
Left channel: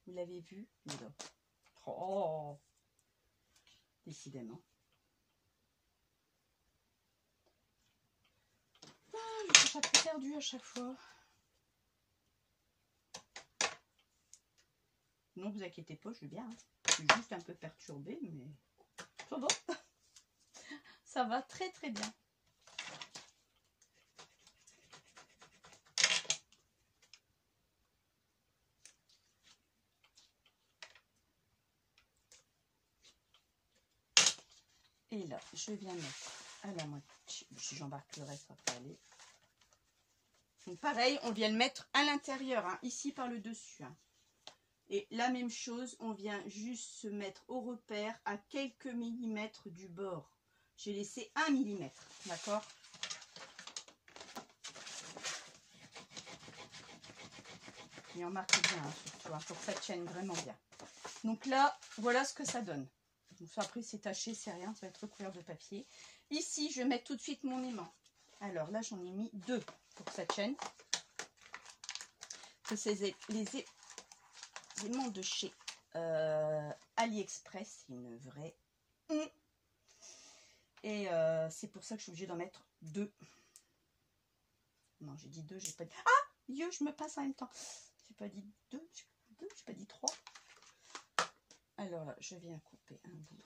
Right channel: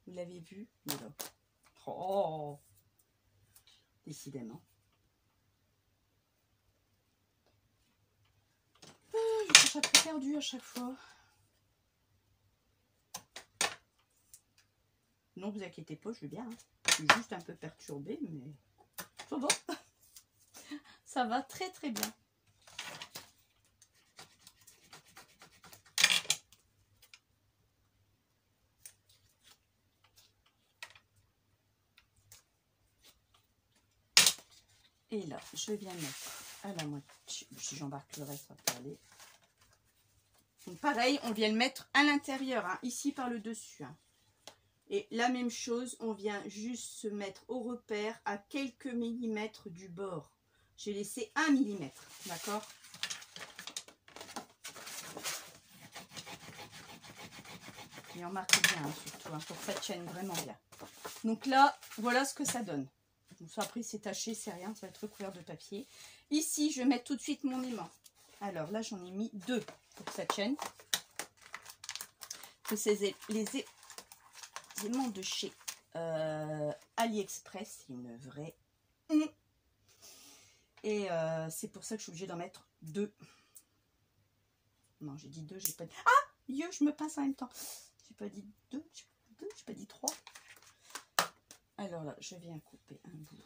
Vous l'avez vu? Voilà. Oh! Décidément. Je suis un peu perdue à chaque fois. Non, vous inquiétez pas, je vais bien. Hein. Je suis juste un peu perturbée, mais ça va. Ça va très très bien. Et là, je viens mettre à la moitié. Si j'embarque le reste, ça peut aller. Donc pareil, on vient le mettre à l'intérieur, hein, ici par le dessus. Hein. Et la même chose, on vient juste se mettre au repère à quelques millimètres du bord. J'ai laissé 1 mm, d'accord? Et on marque bien, hein, surtout, hein, pour que ça tienne vraiment bien. Donc là, voilà ce que ça donne. Donc ça, après, c'est taché, c'est rien, ça va être recouvert de papier. Ici, je vais mettre tout de suite mon aimant. Alors là, j'en ai mis 2 pour que ça tienne. Que c'est les aimants de chez AliExpress, c'est une vraie. Et c'est pour ça que je suis obligée d'en mettre 2. Non, j'ai dit 2, j'ai pas dit. Ah, Dieu, je me passe en même temps. J'ai pas dit 2, j'ai pas dit 3. Alors là, je viens couper un bout.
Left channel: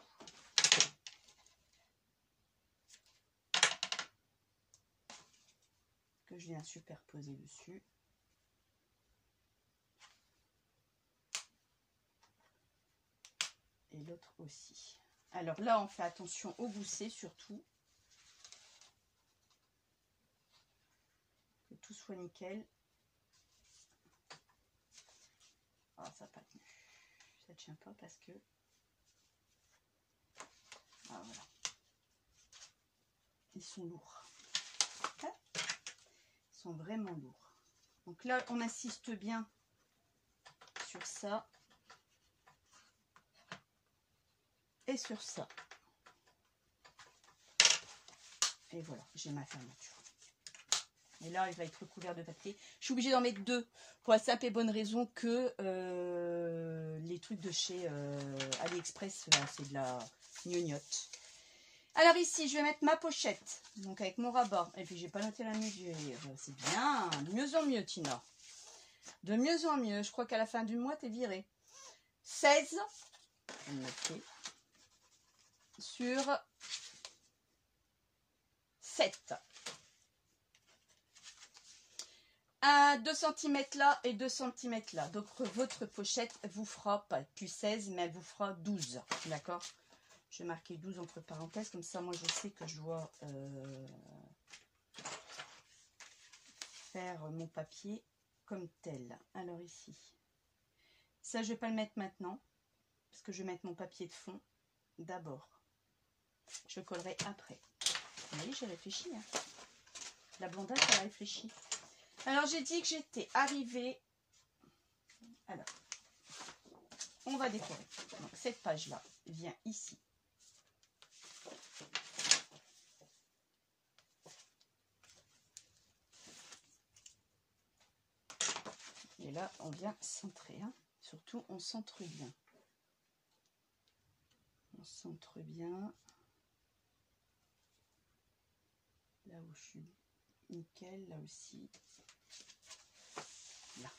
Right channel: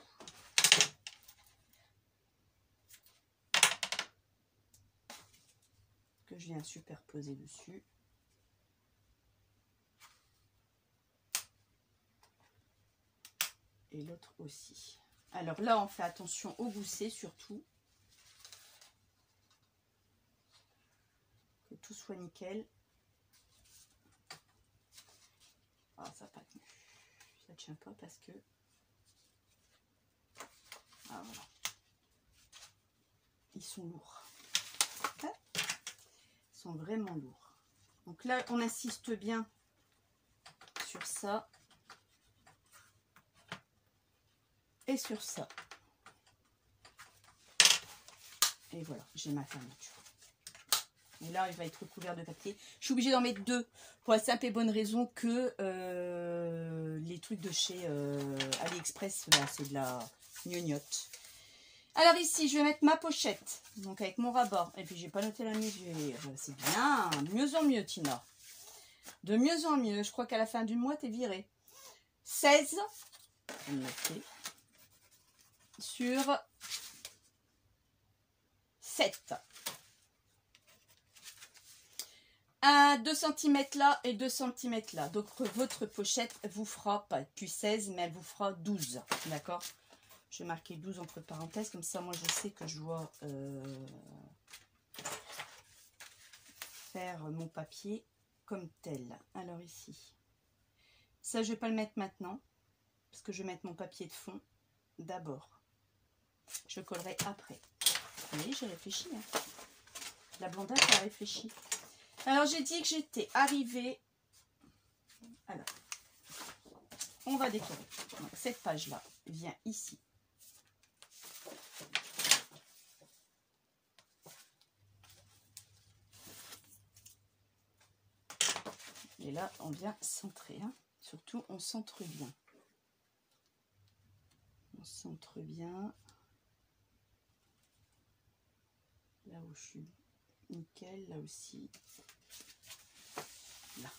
Que je viens superposer dessus. Et l'autre aussi. Alors là, on fait attention au gousset surtout. Que tout soit nickel. Ah, ça n'a pas tenu. Ça ne tient pas parce que... Ah, voilà. Ils sont lourds. Ils sont vraiment lourds. Donc là, on insiste bien sur ça. Et sur ça. Et voilà, j'ai ma fermeture. Et là, il va être recouvert de papier. Je suis obligée d'en mettre 2 pour la simple et bonne raison que les trucs de chez AliExpress, c'est de la gnognotte. Alors ici, je vais mettre ma pochette, donc avec mon rabat. Et puis, j'ai pas noté la mesure. C'est bien, mieux en mieux, Tina. De mieux en mieux. Je crois qu'à la fin du mois, t'es virée. 16. On va noter. Sur 7. 2 cm là et 2 cm là. Donc votre pochette vous fera pas plus 16, mais elle vous fera 12. D'accord? Je vais marquer 12 entre parenthèses, comme ça moi je sais que je dois faire mon papier comme tel. Alors ici, ça je vais pas le mettre maintenant, parce que je vais mettre mon papier de fond d'abord. Je collerai après. Vous voyez, j'ai réfléchi. Hein. La blondage a réfléchi. Alors, j'ai dit que j'étais arrivée... Alors, on va décorer. Donc, cette page-là vient ici. Et là, on vient centrer. Hein. Surtout, on centre bien. On centre bien. Là où je suis nickel, là aussi. Là.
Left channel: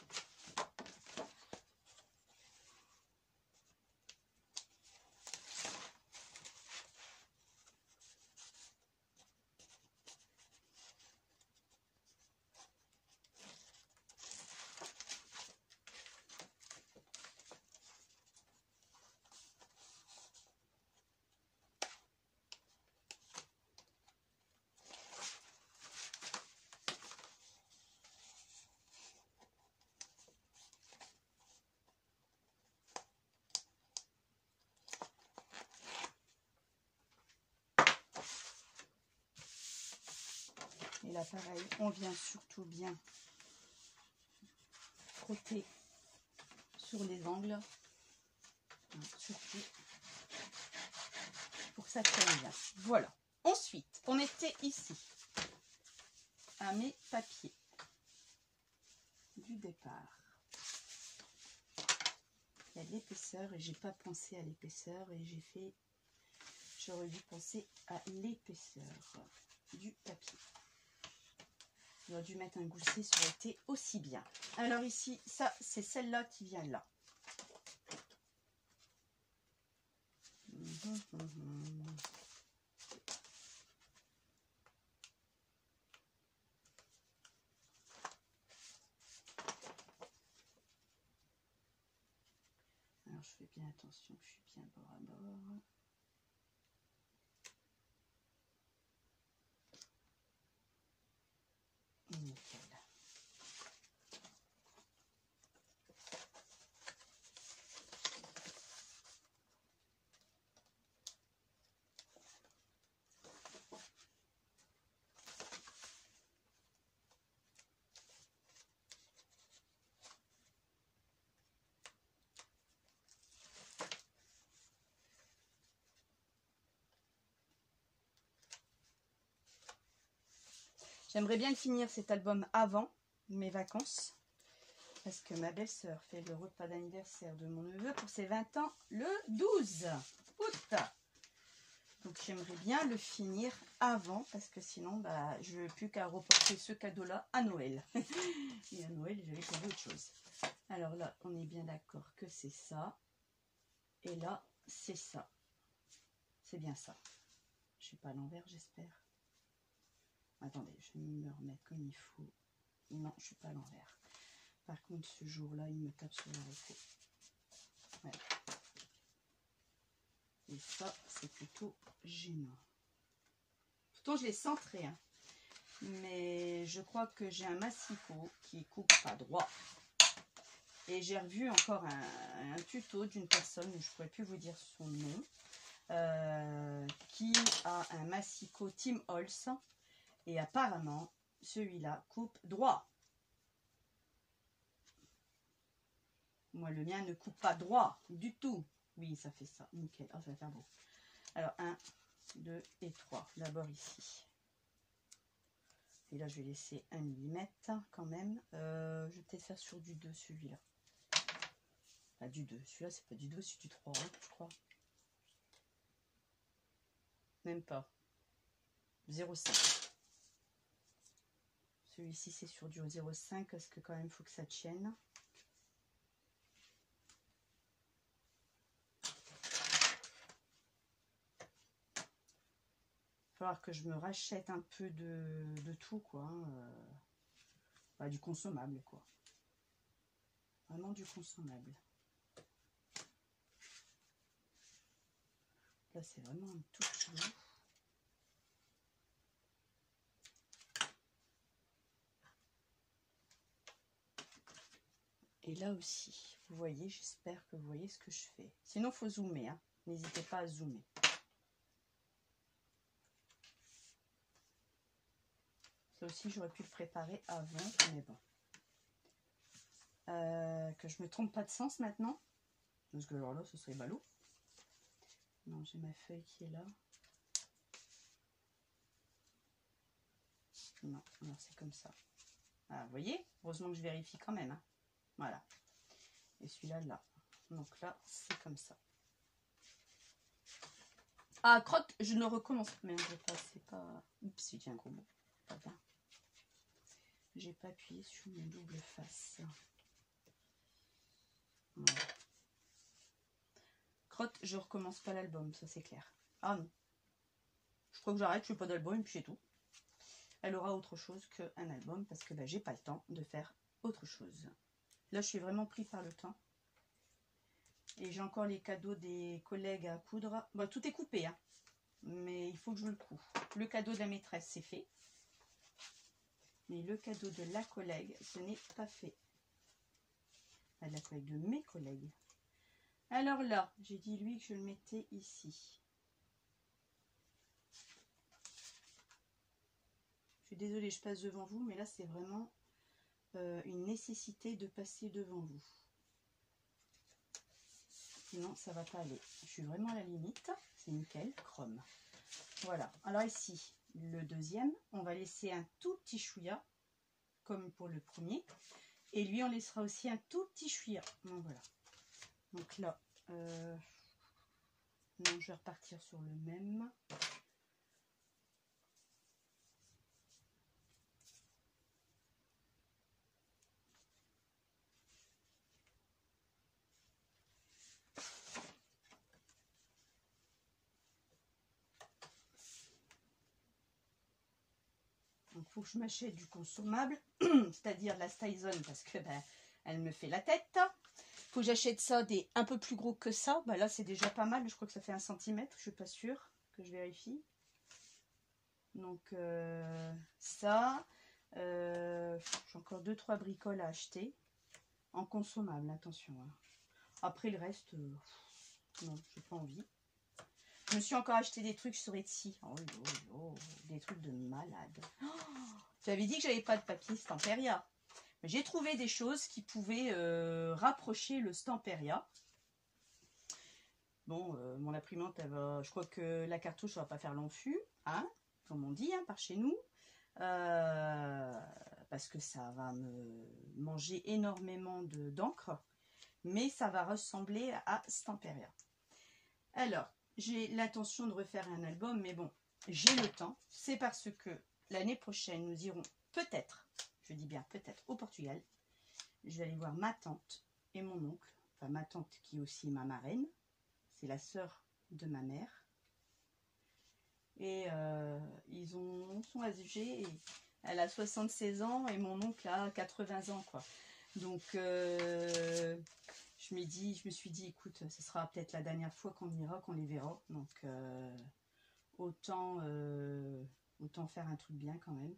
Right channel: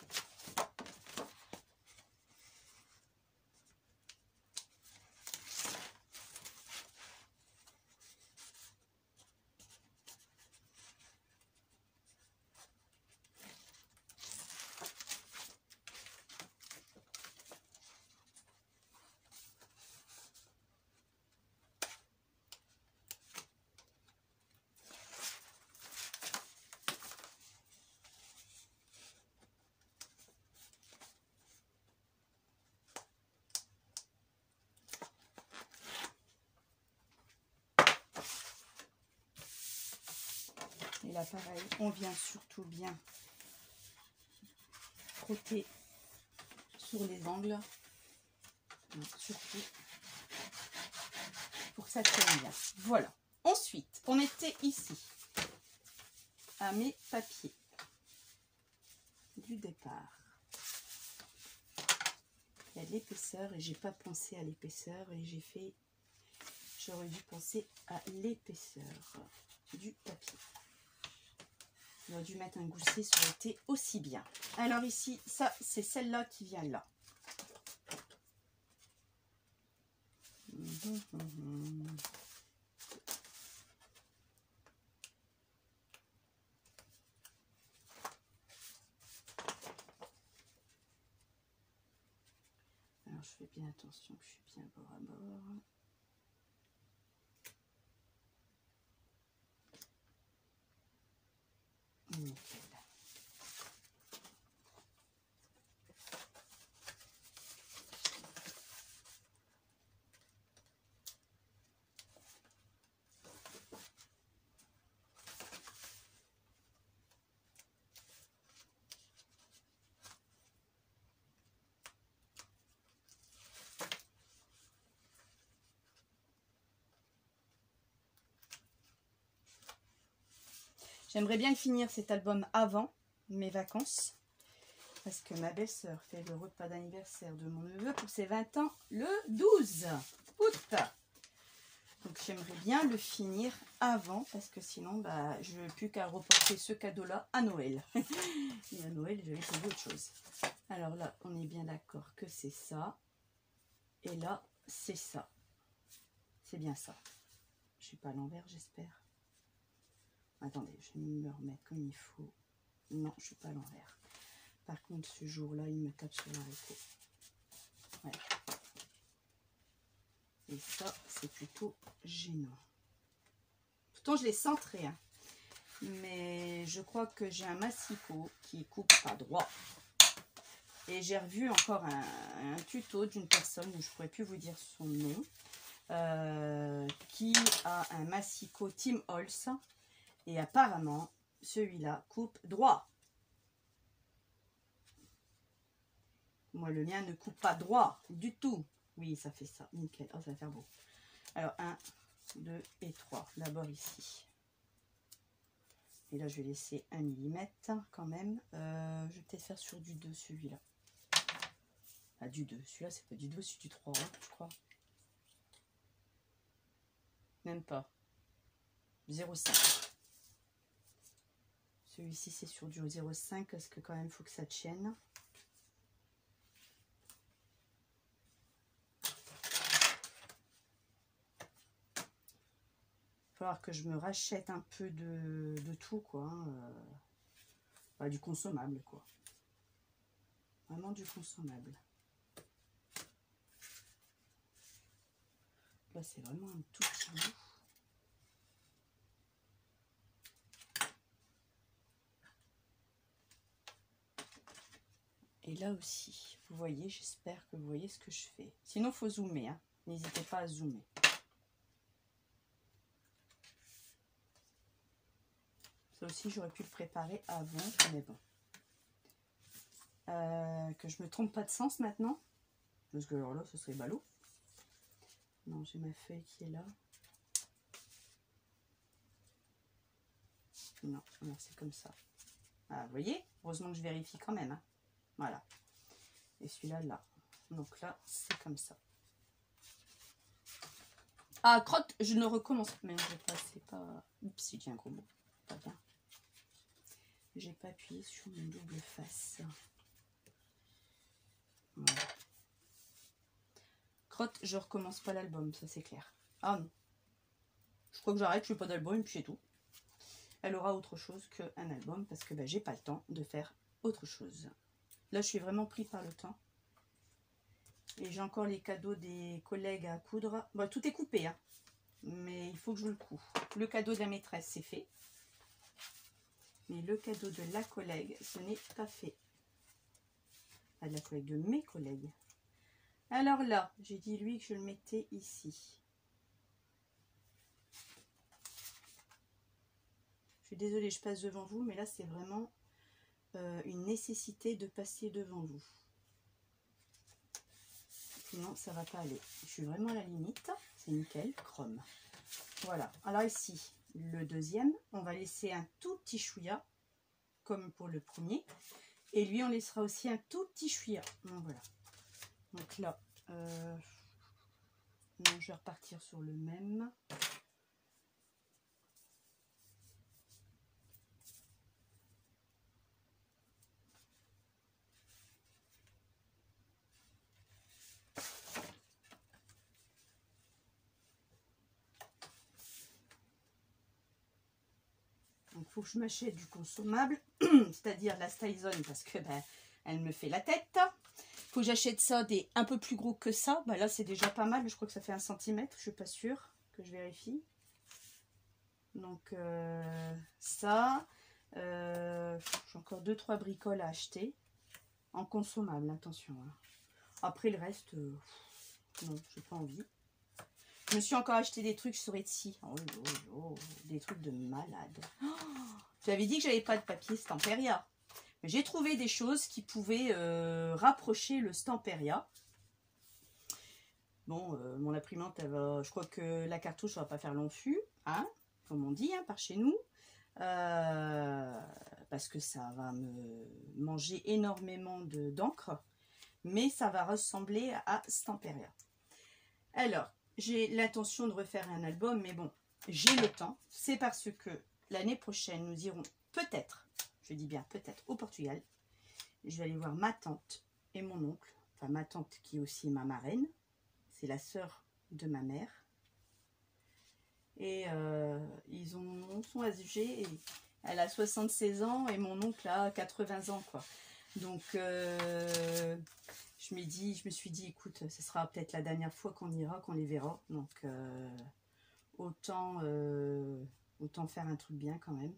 Et là, pareil, on vient surtout bien frotter sur les angles. Surtout pour que ça tienne bien. Voilà. Ensuite, on était ici à mes papiers du départ. Il y a de l'épaisseur et j'ai pas pensé à l'épaisseur et j'aurais dû penser à l'épaisseur du papier. J'aurais dû mettre un gousset, ça aurait été aussi bien. Alors ici, ça c'est celle-là qui vient là. Alors je fais bien attention que je suis bien bord à bord. Nickel. J'aimerais bien finir cet album avant mes vacances. Parce que ma belle-sœur fait le repas d'anniversaire de mon neveu pour ses 20 ans le 12 août. Donc j'aimerais bien le finir avant parce que sinon bah, je n'ai plus qu'à reporter ce cadeau-là à Noël. Et à Noël, j'avais trouvé autre chose. Alors là, on est bien d'accord que c'est ça. Et là, c'est ça. C'est bien ça. Je ne suis pas à l'envers, j'espère. Attendez, je vais me remettre comme il faut. Non, je ne suis pas à l'envers. Par contre, ce jour-là, il me tape sur l'haricot. Ouais. Et ça, c'est plutôt gênant. Pourtant, je l'ai centré. Hein. Mais je crois que j'ai un massicot qui coupe pas droit. Et j'ai revu encore un tuto d'une personne, où je ne pourrais plus vous dire son nom, qui a un massicot Tim Holtz. Et apparemment, celui-là coupe droit. Moi, le mien ne coupe pas droit du tout. Oui, ça fait ça. Nickel. Oh, ça va faire beau. Alors, 1, 2 et 3. D'abord ici. Et là, je vais laisser 1 mm quand même. Je vais peut-être faire sur du 2, celui-là. Ah, du 2. Celui-là, c'est pas du 2, c'est du 3, hein, je crois. Même pas. 0,5. Celui-ci, c'est sur du 0,5 parce que quand même, il faut que ça tienne. Il va falloir que je me rachète un peu de tout, quoi. Bah, du consommable, quoi. Vraiment du consommable. Là, c'est vraiment un tout petit bout. Et là aussi, vous voyez, j'espère que vous voyez ce que je fais. Sinon, il faut zoomer, hein. N'hésitez pas à zoomer. Ça aussi, j'aurais pu le préparer avant, mais bon. Que je me trompe pas de sens maintenant. Parce que alors là, ce serait ballot. Non, j'ai ma feuille qui est là. Non, alors c'est comme ça. Ah, vous voyez, heureusement que je vérifie quand même. Hein. Voilà. Et celui-là, là. Donc là, c'est comme ça. Ah, crotte, je ne recommence. Merde, c'est pas... Oups, j'ai un gros mot. Pas bien. J'ai pas appuyé sur une double face. Voilà. Crotte, je recommence pas l'album, ça c'est clair. Ah non. Je crois que j'arrête, je fais pas d'album et puis c'est tout. Elle aura autre chose qu'un album parce que ben, j'ai pas le temps de faire autre chose. Là, je suis vraiment pris par le temps. Et j'ai encore les cadeaux des collègues à coudre. Bon, tout est coupé, hein. Mais il faut que je le coupe. Le cadeau de la maîtresse, c'est fait. Mais le cadeau de la collègue, ce n'est pas fait. Ah, de la collègue, de mes collègues. Alors là, j'ai dit lui que je le mettais ici. Je suis désolée, je passe devant vous, mais là, c'est vraiment une nécessité de passer devant vous. Sinon, ça va pas aller. Je suis vraiment à la limite. C'est nickel, chrome. Voilà. Alors ici, le deuxième, on va laisser un tout petit chouïa, comme pour le premier. Et lui, on laissera aussi un tout petit chouïa. Donc voilà. Donc là, non, je vais repartir sur le même. Donc, il faut que je m'achète du consommable, c'est-à-dire de la Styzone, parce que ben, elle me fait la tête. Il faut que j'achète ça des un peu plus gros que ça. Ben, là, c'est déjà pas mal. Je crois que ça fait 1 cm. Je suis pas sûre, que je vérifie. Donc, ça. J'ai encore 2-3 bricoles à acheter. En consommable, attention. Hein. Après, le reste, non, j'ai pas envie. Je me suis encore acheté des trucs sur Etsy. Oh, oh, oh, des trucs de malade. Oh, j'avais dit que j'avais pas de papier Stamperia. Mais j'ai trouvé des choses qui pouvaient rapprocher le Stamperia. Bon, mon imprimante, elle va, je crois que la cartouche ne va pas faire long fût, hein, comme on dit, hein, par chez nous. parce que ça va me manger énormément d'encre, mais ça va ressembler à Stamperia. Alors, j'ai l'intention de refaire un album, mais bon, j'ai le temps. C'est parce que l'année prochaine, nous irons peut-être, je dis bien peut-être, au Portugal. Je vais aller voir ma tante et mon oncle, enfin ma tante qui est aussi ma marraine. C'est la sœur de ma mère. Et ils sont âgés. Et elle a 76 ans et mon oncle a 80 ans, quoi. Donc, je me suis dit, écoute, ce sera peut-être la dernière fois qu'on ira, qu'on les verra. Donc, autant faire un truc bien quand même.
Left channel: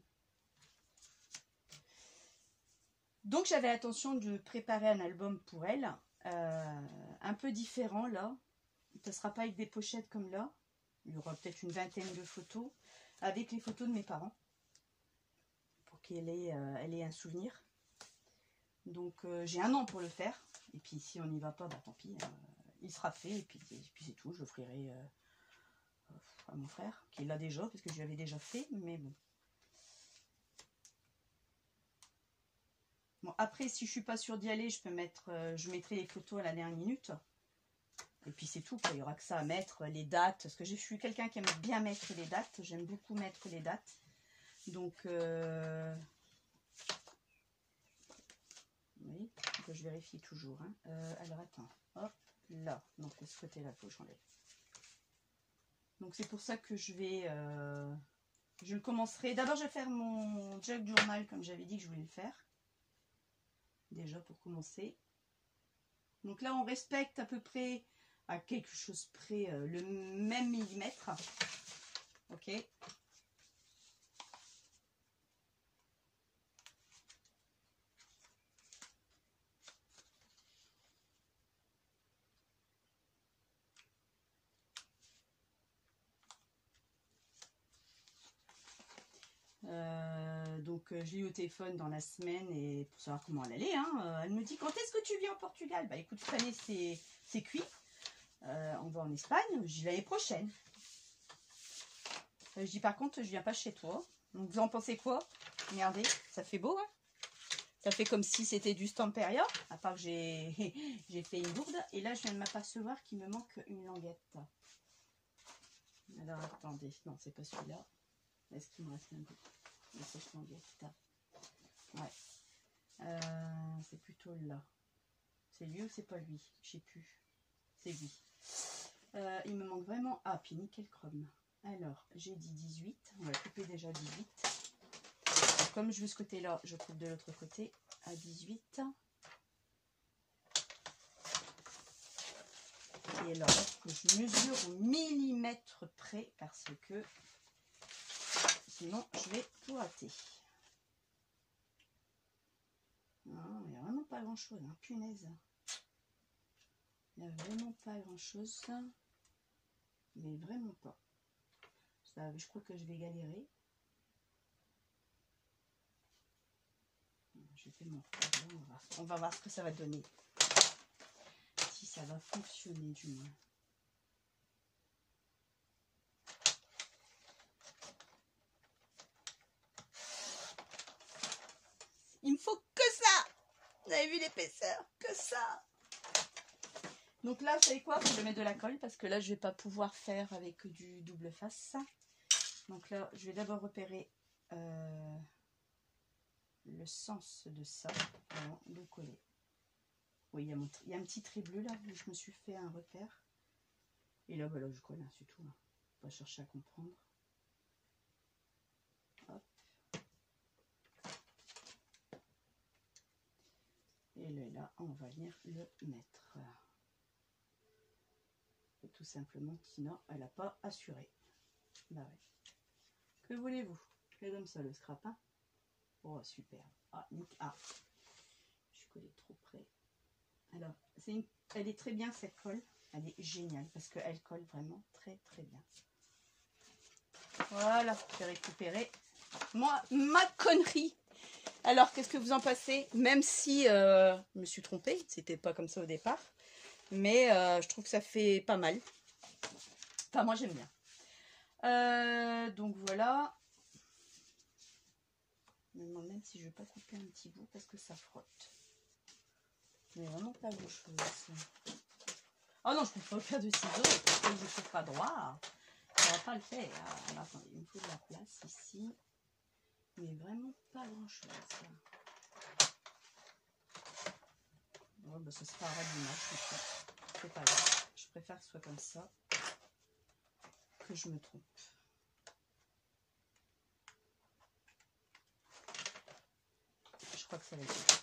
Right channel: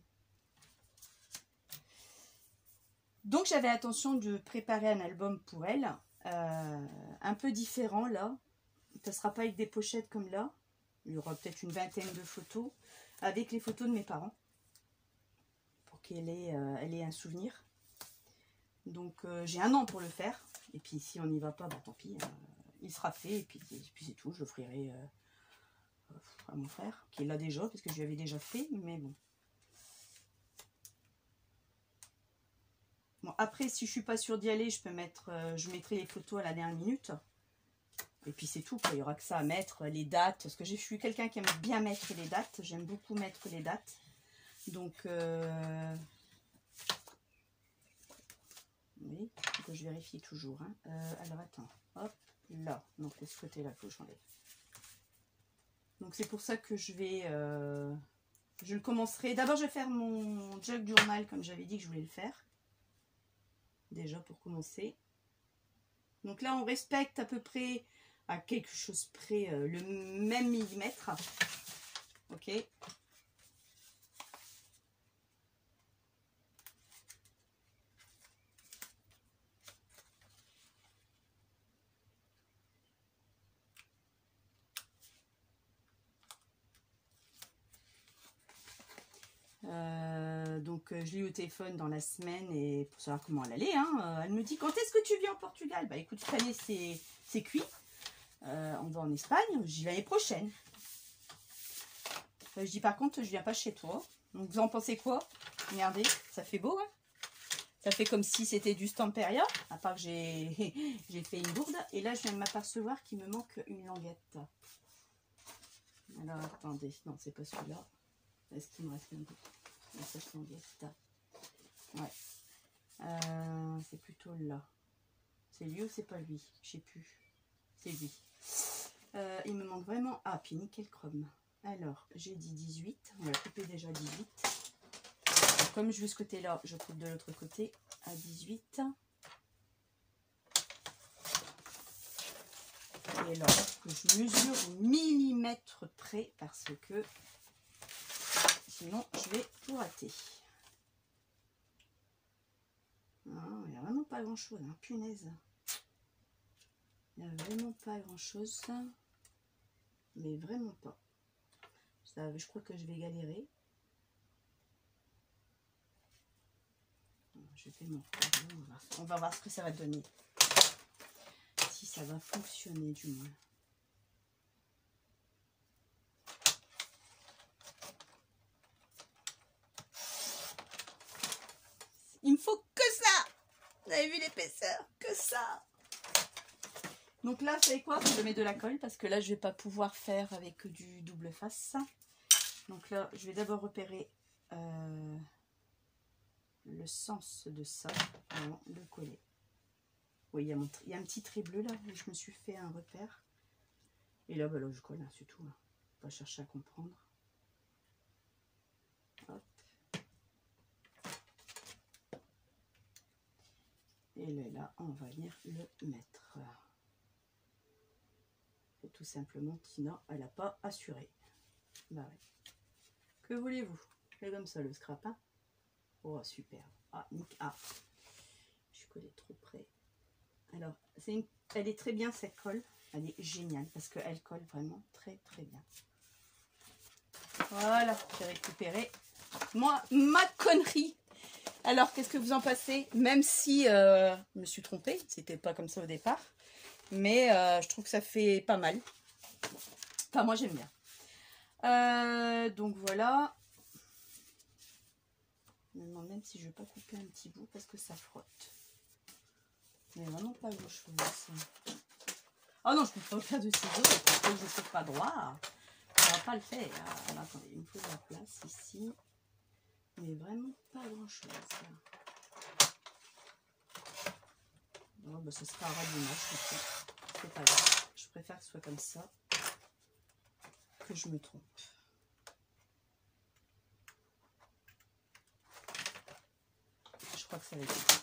Donc, j'avais l'intention de préparer un album pour elle. Un peu différent, là. Ça ne sera pas avec des pochettes comme là. Il y aura peut-être une vingtaine de photos avec les photos de mes parents pour qu'elle ait un souvenir. Donc j'ai un an pour le faire. Et puis si on n'y va pas, bah, tant pis, il sera fait. Et puis c'est tout, je l'offrirai à mon frère qui l'a déjà parce que je lui avais déjà fait. Mais bon. Bon après si je suis pas sûre d'y aller, je mettrai les photos à la dernière minute. Et puis c'est tout, quoi. Il y aura que ça à mettre, les dates. Parce que je suis quelqu'un qui aime bien mettre les dates. J'aime beaucoup mettre les dates. Donc, oui, je vérifie toujours. Hein. Alors attends, hop, là. Donc c'est ce côté-là que j'enlève. Donc c'est pour ça que je le commencerai. D'abord je vais faire mon jog journal comme j'avais dit que je voulais le faire. Déjà pour commencer. Donc là on respecte à peu près... à quelque chose près le même millimètre. Ok. Donc je l'ai eu au téléphone dans la semaine et pour savoir comment elle allait. Hein, elle me dit quand est-ce que tu viens au Portugal? Bah écoute, cette année c'est cuit. On va en Espagne, j'y vais l'année prochaine. Je dis par contre, je viens pas chez toi. Donc vous en pensez quoi? Regardez, ça fait beau, hein? Ça fait comme si c'était du Stamperia, à part que j'ai fait une gourde. Et là, je viens de m'apercevoir qu'il me manque une languette. Alors attendez, non, c'est pas celui-là. Est-ce qu'il me reste un peu? Cette languette. Ouais. C'est plutôt là. C'est lui ou c'est pas lui? Je sais plus. C'est lui. Il me manque vraiment... Ah, puis nickel chrome. Alors, j'ai dit 18. On va couper déjà 18. Comme je veux ce côté-là, je coupe de l'autre côté à 18. Et alors, je mesure au millimètre près parce que sinon, je vais tout rater. Non, il n'y a vraiment pas grand-chose, hein, punaise. Il n'y a vraiment pas grand-chose. Mais vraiment pas. Ça, je crois que je vais galérer. Je fais mon on va voir ce que ça va donner. Si ça va fonctionner du moins. Il me faut que ça. Vous avez vu l'épaisseur? Que ça. Donc là, vous savez quoi? Je mets de la colle parce que là, je vais pas pouvoir faire avec du double face. Donc là, je vais d'abord repérer le sens de ça avant de coller. Oui, il y a un petit trait bleu là où je me suis fait un repère. Et là, bah, là je colle, hein, c'est tout. Hein. Pas chercher à comprendre. Hop. Et là, on va venir le mettre. Et tout simplement, Tina, elle n'a pas assuré. Bah ouais. Que voulez-vous? C'est comme ça le scrap. Hein. Oh, super. Ah, ah, je suis collée trop près. Alors, elle est très bien cette colle. Elle est géniale parce qu'elle colle vraiment très très bien. Voilà, j'ai récupéré ma connerie. Alors, qu'est-ce que vous en pensez? Même si je me suis trompée, c'était pas comme ça au départ. Mais je trouve que ça fait pas mal. Enfin, moi j'aime bien. Donc voilà. demande même si je vais pas couper un petit bout parce que ça frotte. Mais vraiment pas grand chose. Oh non, je ne coupe pas de ciseaux parce que je ne coupe pas droit. Ça va pas le faire. Alors, attendez, il me faut de la place ici. Mais vraiment pas grand chose. Bon, bah, ce sera à dimanche. C'est pas grave. Je préfère que ce soit comme ça que je me trompe. Je crois que ça va être ça.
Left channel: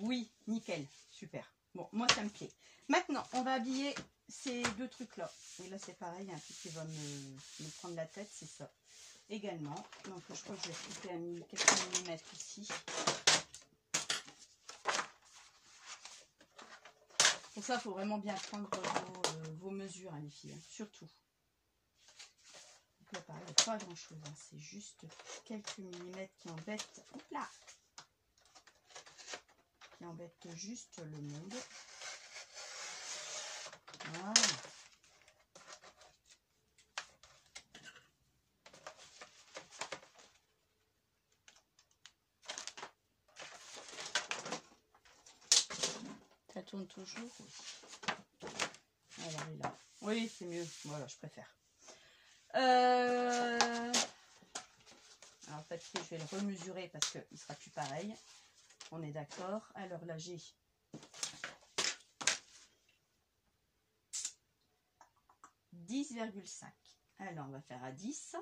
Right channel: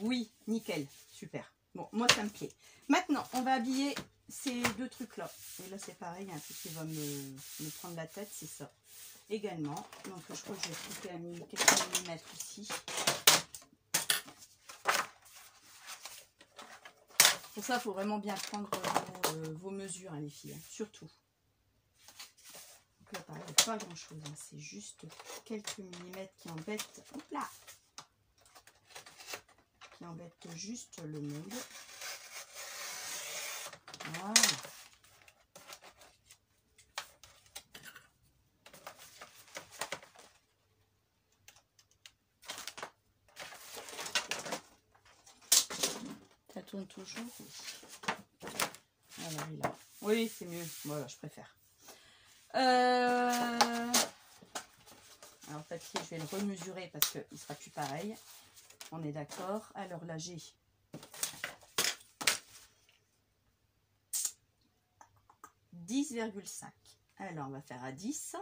Oui, nickel, super. Bon, moi ça me plaît. Maintenant, on va habiller ces deux trucs-là. Et là, c'est pareil, il y a un truc qui va me prendre la tête, c'est ça. Également, donc je crois que je vais couper à quelques millimètres ici. Pour ça, il faut vraiment bien prendre vos mesures, hein, les filles, hein, surtout. Donc là, pareil, pas grand-chose, hein, c'est juste quelques millimètres qui embêtent. Hop là! Qui embêtent juste le monde. Voilà. Ça tourne toujours. Alors, il a... Oui, c'est mieux. Voilà, je préfère. Alors, le papier, je vais le remesurer parce qu'il ne sera plus pareil. On est d'accord. Alors là, j'ai 10,5. Alors, on va faire à 10.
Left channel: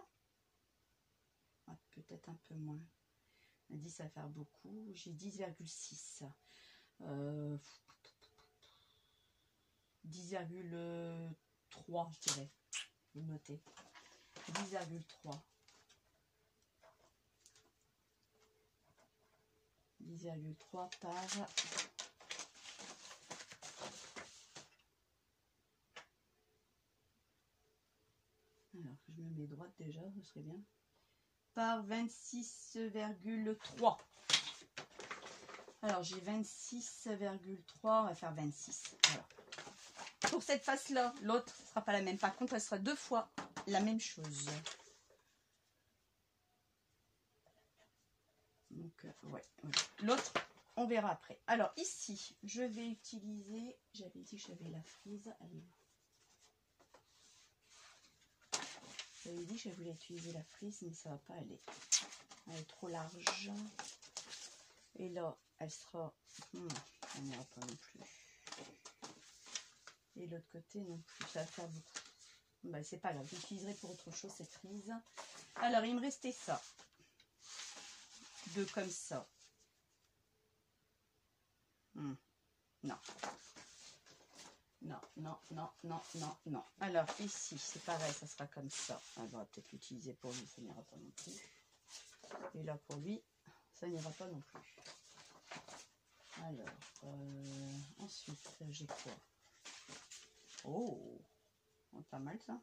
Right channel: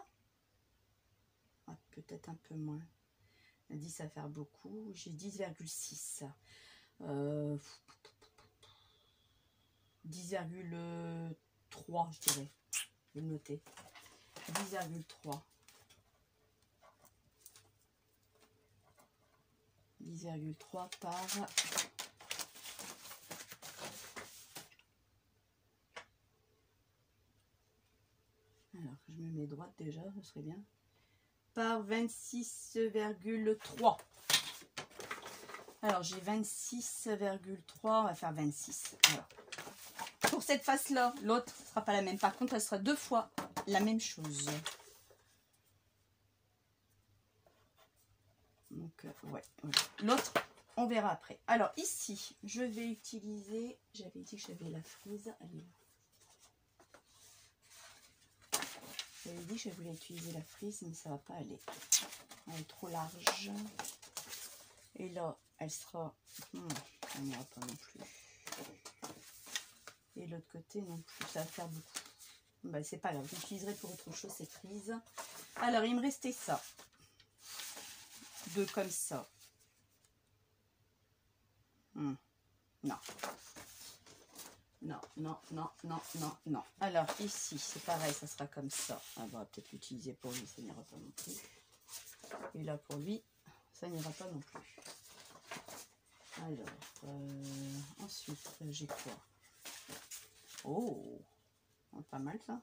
Ah, peut-être un peu moins. À 10, ça va faire beaucoup. J'ai 10,6. 10,3, je dirais. Je vais le noter. 10,3. 10,3 par... Alors, je me mets droite déjà, ce serait bien. Par 26,3. Alors, j'ai 26,3. On va faire 26. Voilà. Pour cette face-là, l'autre ne sera pas la même. Par contre, elle sera deux fois la même chose. Donc, ouais. L'autre, on verra après. Alors, ici, je vais utiliser... J'avais dit que j'avais la frise. Allez. J'avais dit que je voulais utiliser la frise, mais ça ne va pas aller. Elle est trop large. Et là, elle sera... elle n'ira pas non plus. Et l'autre côté, non plus. Ça va faire beaucoup. Bah, c'est pas grave. J'utiliserai pour autre chose cette frise. Alors, il me restait ça. Deux comme ça. Non. Non, non, non, non, non, non. Alors, ici, c'est pareil, ça sera comme ça. On va peut-être l'utiliser pour lui, ça n'ira pas non plus. Et là, pour lui, ça n'ira pas non plus. Alors, ensuite, j'ai quoi? Oh, pas mal ça.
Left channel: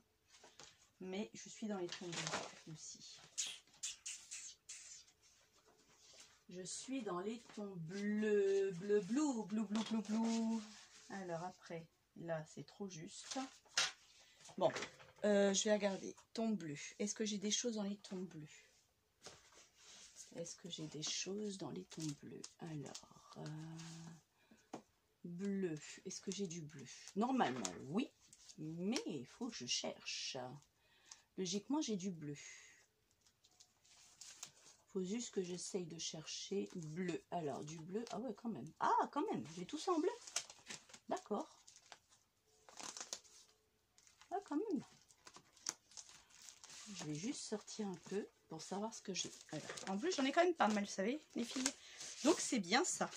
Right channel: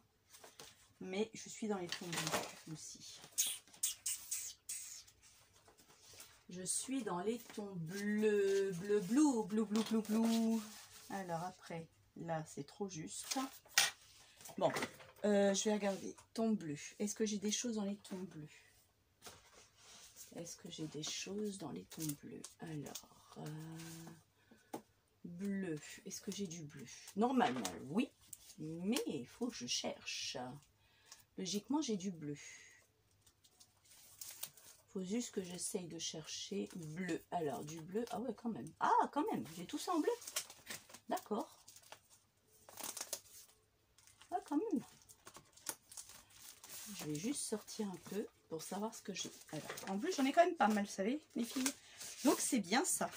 Mais je suis dans les tons bleus aussi. Je suis dans les tons bleus, bleu, bleu, bleu, bleu, bleu, bleu. Alors après, là, c'est trop juste. Bon, je vais regarder. Ton bleu. Est-ce que j'ai des choses dans les tons bleus? Est-ce que j'ai des choses dans les tons bleus? Alors, bleu. Est-ce que j'ai du bleu? Normalement, oui. Mais il faut que je cherche. Logiquement, j'ai du bleu. Faut juste que j'essaye de chercher bleu. Alors, du bleu. Ah ouais, quand même. Ah, quand même. J'ai tout ça en bleu. D'accord. Ah, quand même. Je vais juste sortir un peu pour savoir ce que j'ai. Alors, en bleu, j'en ai quand même pas mal, vous savez, les filles. Donc, c'est bien ça.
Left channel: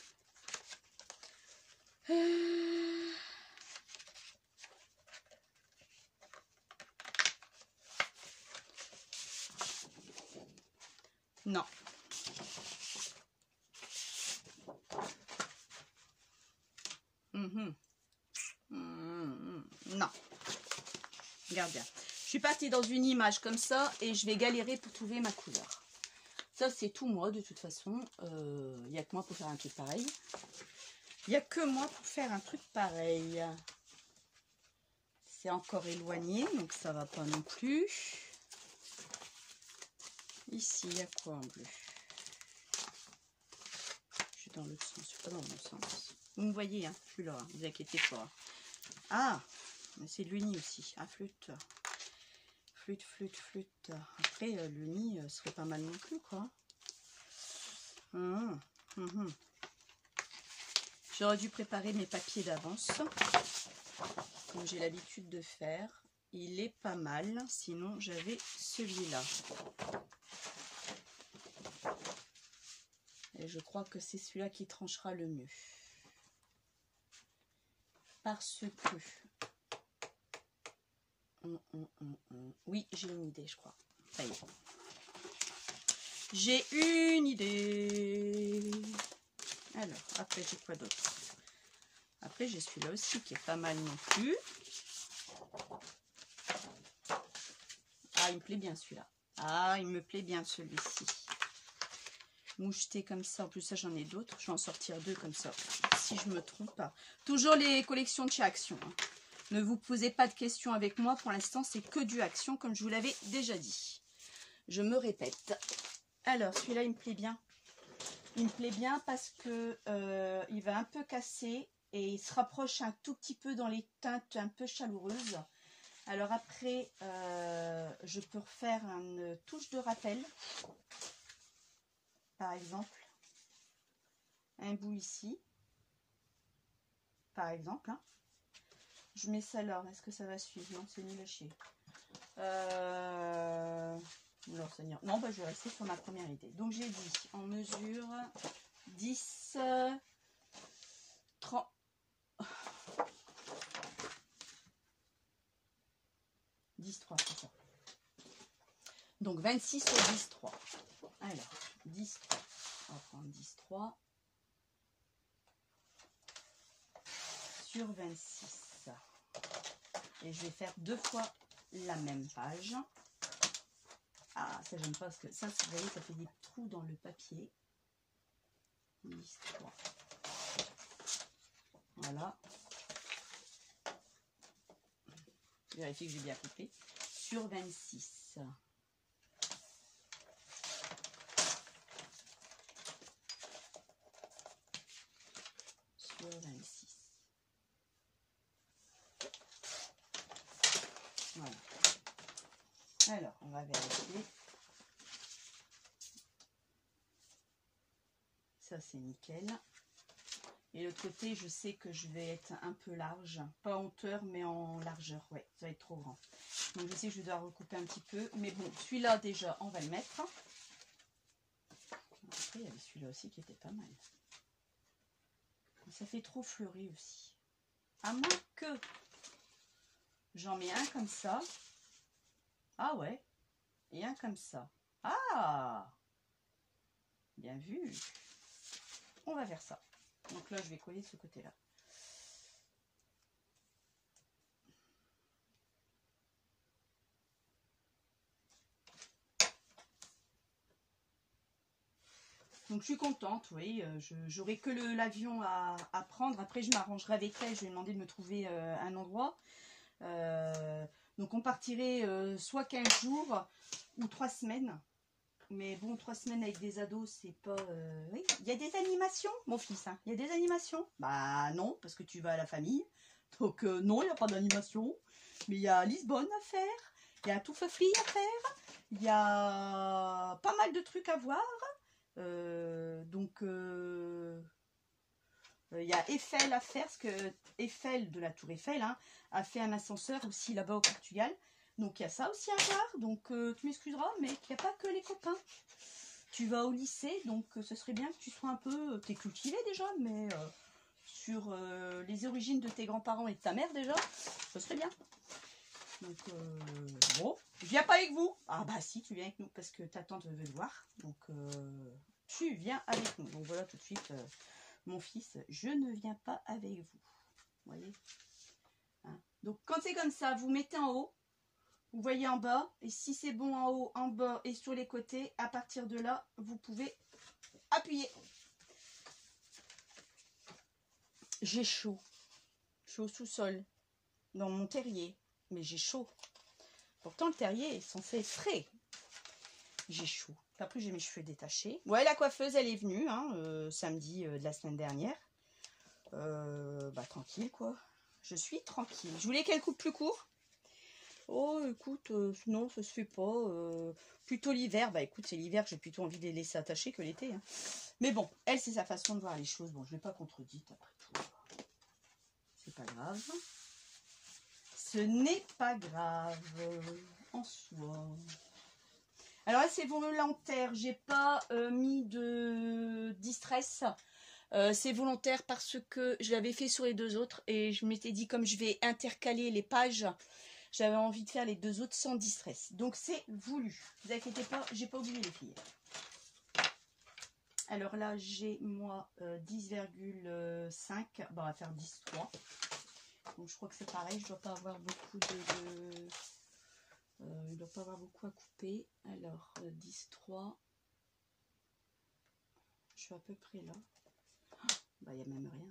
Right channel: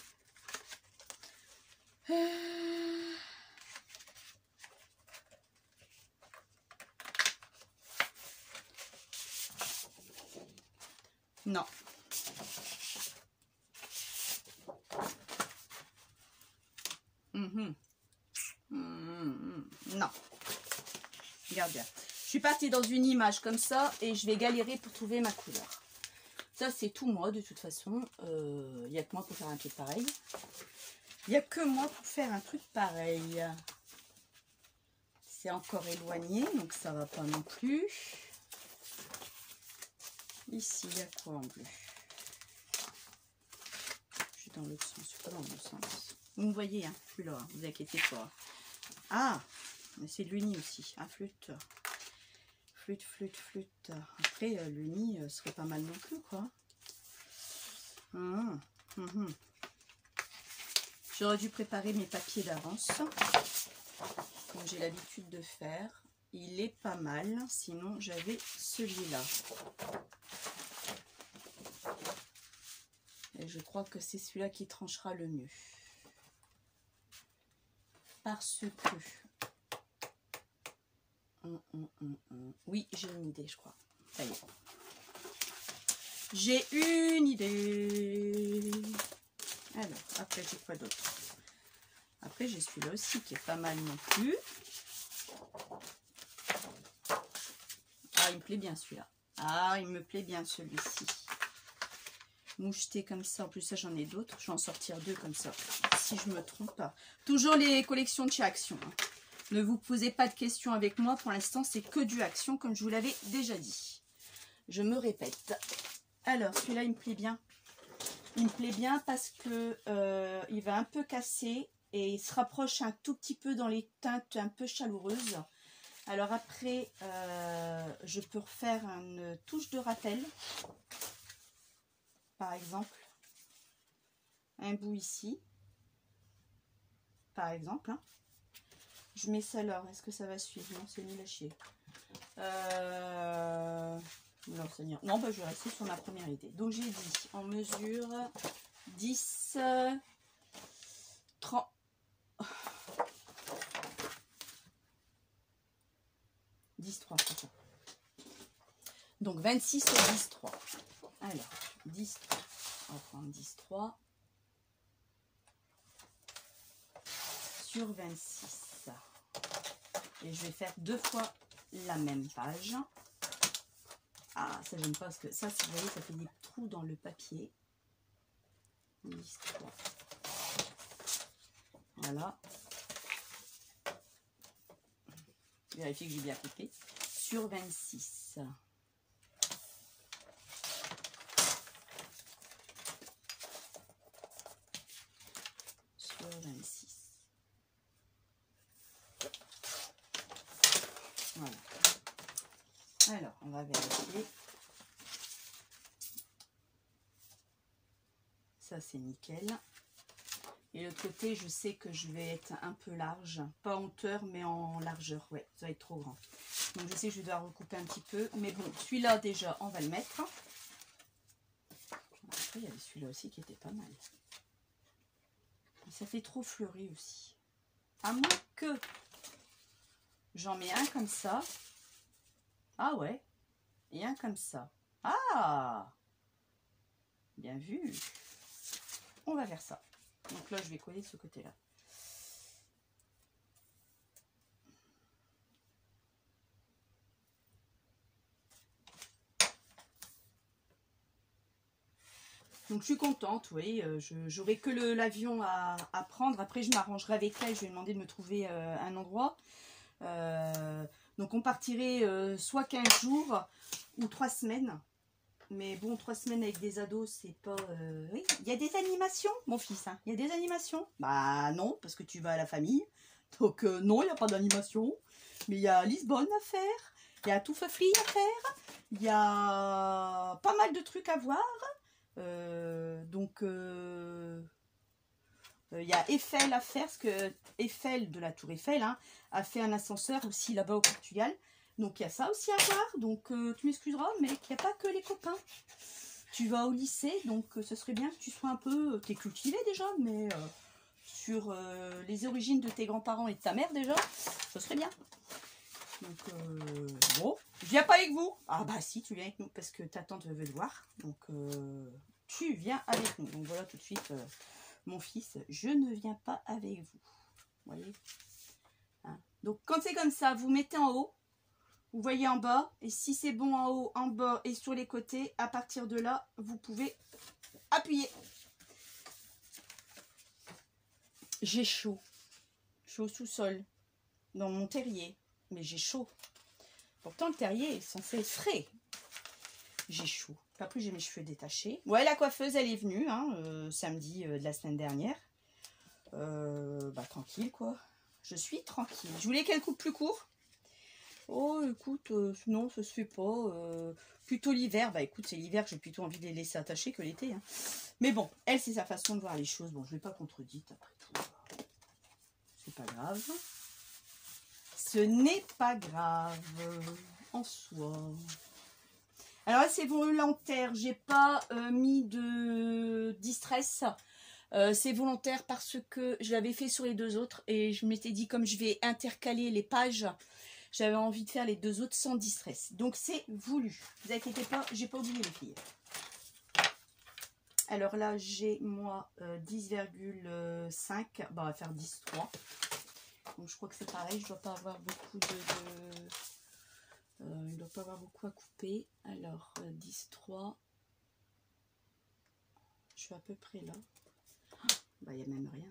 Non. Non. Regarde bien. Je suis partie dans une image comme ça et je vais galérer pour trouver ma couleur. Ça, c'est tout moi, de toute façon. Il n'y a que moi pour faire un truc pareil. Il n'y a que moi pour faire un truc pareil. c'est encore éloigné, donc ça va pas non plus. Ici, il y a quoi en bleu? Je suis dans l'autre sens, je suis pas dans le bon sens. Vous me voyez, hein, je suis là, hein, vous inquiétez pas. Ah, c'est de l'uni aussi, ah, flûte. Flûte, flûte, flûte. Après, le nid serait pas mal non plus, quoi. J'aurais dû préparer mes papiers d'avance, comme j'ai l'habitude de faire. Il est pas mal, sinon j'avais celui-là. Et je crois que c'est celui-là qui tranchera le mieux. Parce que... Oui, j'ai une idée, je crois. Ça y est. J'ai une idée. Alors, après, j'ai quoi d'autre? Après, j'ai celui-là aussi qui est pas mal non plus. Ah, il me plaît bien celui-là. Ah, il me plaît bien celui-ci. Moucheté comme ça. En plus, ça, j'en ai d'autres. Je vais en sortir deux comme ça. Si je me trompe pas. Toujours les collections de chez Action. Ne vous posez pas de questions avec moi. Pour l'instant, c'est que du Action, comme je vous l'avais déjà dit. Je me répète. Alors, celui-là, il me plaît bien. Il me plaît bien parce que il va un peu casser et il se rapproche un tout petit peu dans les teintes un peu chaleureuses. Alors après, je peux refaire une touche de rappel, par exemple. Un bout ici, par exemple. Hein. Je mets ça là. Est-ce que ça va suivre? Non, c'est nul à chier. Non, bah, je vais rester sur ma première idée. Donc j'ai dit en mesure 10, 30, 10, 3, c'est ça. Donc 26 sur 10, 3. Alors, 10, 3. On va prendre 10, 3 sur 26. Et je vais faire deux fois la même page. Ah, ça j'aime pas parce que ça, si vous voyez, ça fait des trous dans le papier. 10, 3. Voilà. Vérifiez que j'ai bien compris. Sur 26. Sur 26. Voilà. Alors, on va vérifier. Ça, c'est nickel. Et l'autre côté, je sais que je vais être un peu large. Pas en hauteur, mais en largeur. Ouais, ça va être trop grand. Donc, je sais que je dois recouper un petit peu. Mais bon, celui-là, déjà, on va le mettre. Après, il y avait celui-là aussi qui était pas mal. Ça fait trop fleuri aussi. À moins que j'en mets un comme ça. Ah ouais. Et un comme ça. Ah! Bien vu. On va faire ça. Donc là, je vais coller ce côté-là. Donc je suis contente, oui. J'aurai que l'avion à prendre. Après, je m'arrangerai avec elle. Je vais demander de me trouver un endroit. Donc on partirait soit 15 jours ou 3 semaines. Mais bon, 3 semaines avec des ados, c'est pas... Oui, il y a des animations, mon fils. Hein. Il y a des animations. Bah non, parce que tu vas à la famille. Donc non, il n'y a pas d'animation. Mais il y a Lisbonne à faire. Il y a Toufafli à faire. Il y a pas mal de trucs à voir. Il y a Eiffel à faire. Parce que Eiffel, de la tour Eiffel, hein, a fait un ascenseur aussi là-bas au Portugal. Donc il y a ça aussi à voir, donc tu m'excuseras, mais il n'y a pas que les copains. Tu vas au lycée, donc ce serait bien que tu sois un peu... T'es cultivé déjà, mais sur les origines de tes grands-parents et de ta mère déjà, ce serait bien. Donc bon, je viens pas avec vous. Ah bah si, tu viens avec nous, parce que ta tante veut le voir. Donc tu viens avec nous. Donc voilà tout de suite, mon fils, je ne viens pas avec vous. Vous voyez hein. Donc quand c'est comme ça, vous mettez en haut. Vous voyez en bas, et si c'est bon en haut, en bas et sur les côtés, à partir de là, vous pouvez appuyer. J'ai chaud. Chaud sous sol, dans mon terrier. mais j'ai chaud. Pourtant, le terrier est censé être frais. J'ai chaud. Après, j'ai mes cheveux détachés. Ouais, la coiffeuse, elle est venue, hein, samedi de la semaine dernière. Bah, tranquille, quoi. Je suis tranquille. Je voulais qu'elle coupe plus court. Oh, écoute, non, ça se fait pas. Plutôt l'hiver. Bah, écoute, c'est l'hiver que j'ai plutôt envie de les laisser attachés que l'été. Hein. Mais bon, elle, c'est sa façon de voir les choses. Bon, je vais pas contredire après tout. C'est pas grave. Ce n'est pas grave en soi. Alors là, c'est volontaire. J'ai pas mis de distress. C'est volontaire parce que je l'avais fait sur les deux autres. Et je m'étais dit, comme je vais intercaler les pages, j'avais envie de faire les deux autres sans distress. Donc c'est voulu. Ne vous inquiétez pas, j'ai pas oublié les filles. Alors là, j'ai moi 10,5. Bon, on va faire 10,3. Donc je crois que c'est pareil. Je dois pas avoir beaucoup il ne doit pas avoir beaucoup à couper. Alors 10,3. Je suis à peu près là. Bah, il n'y a même rien.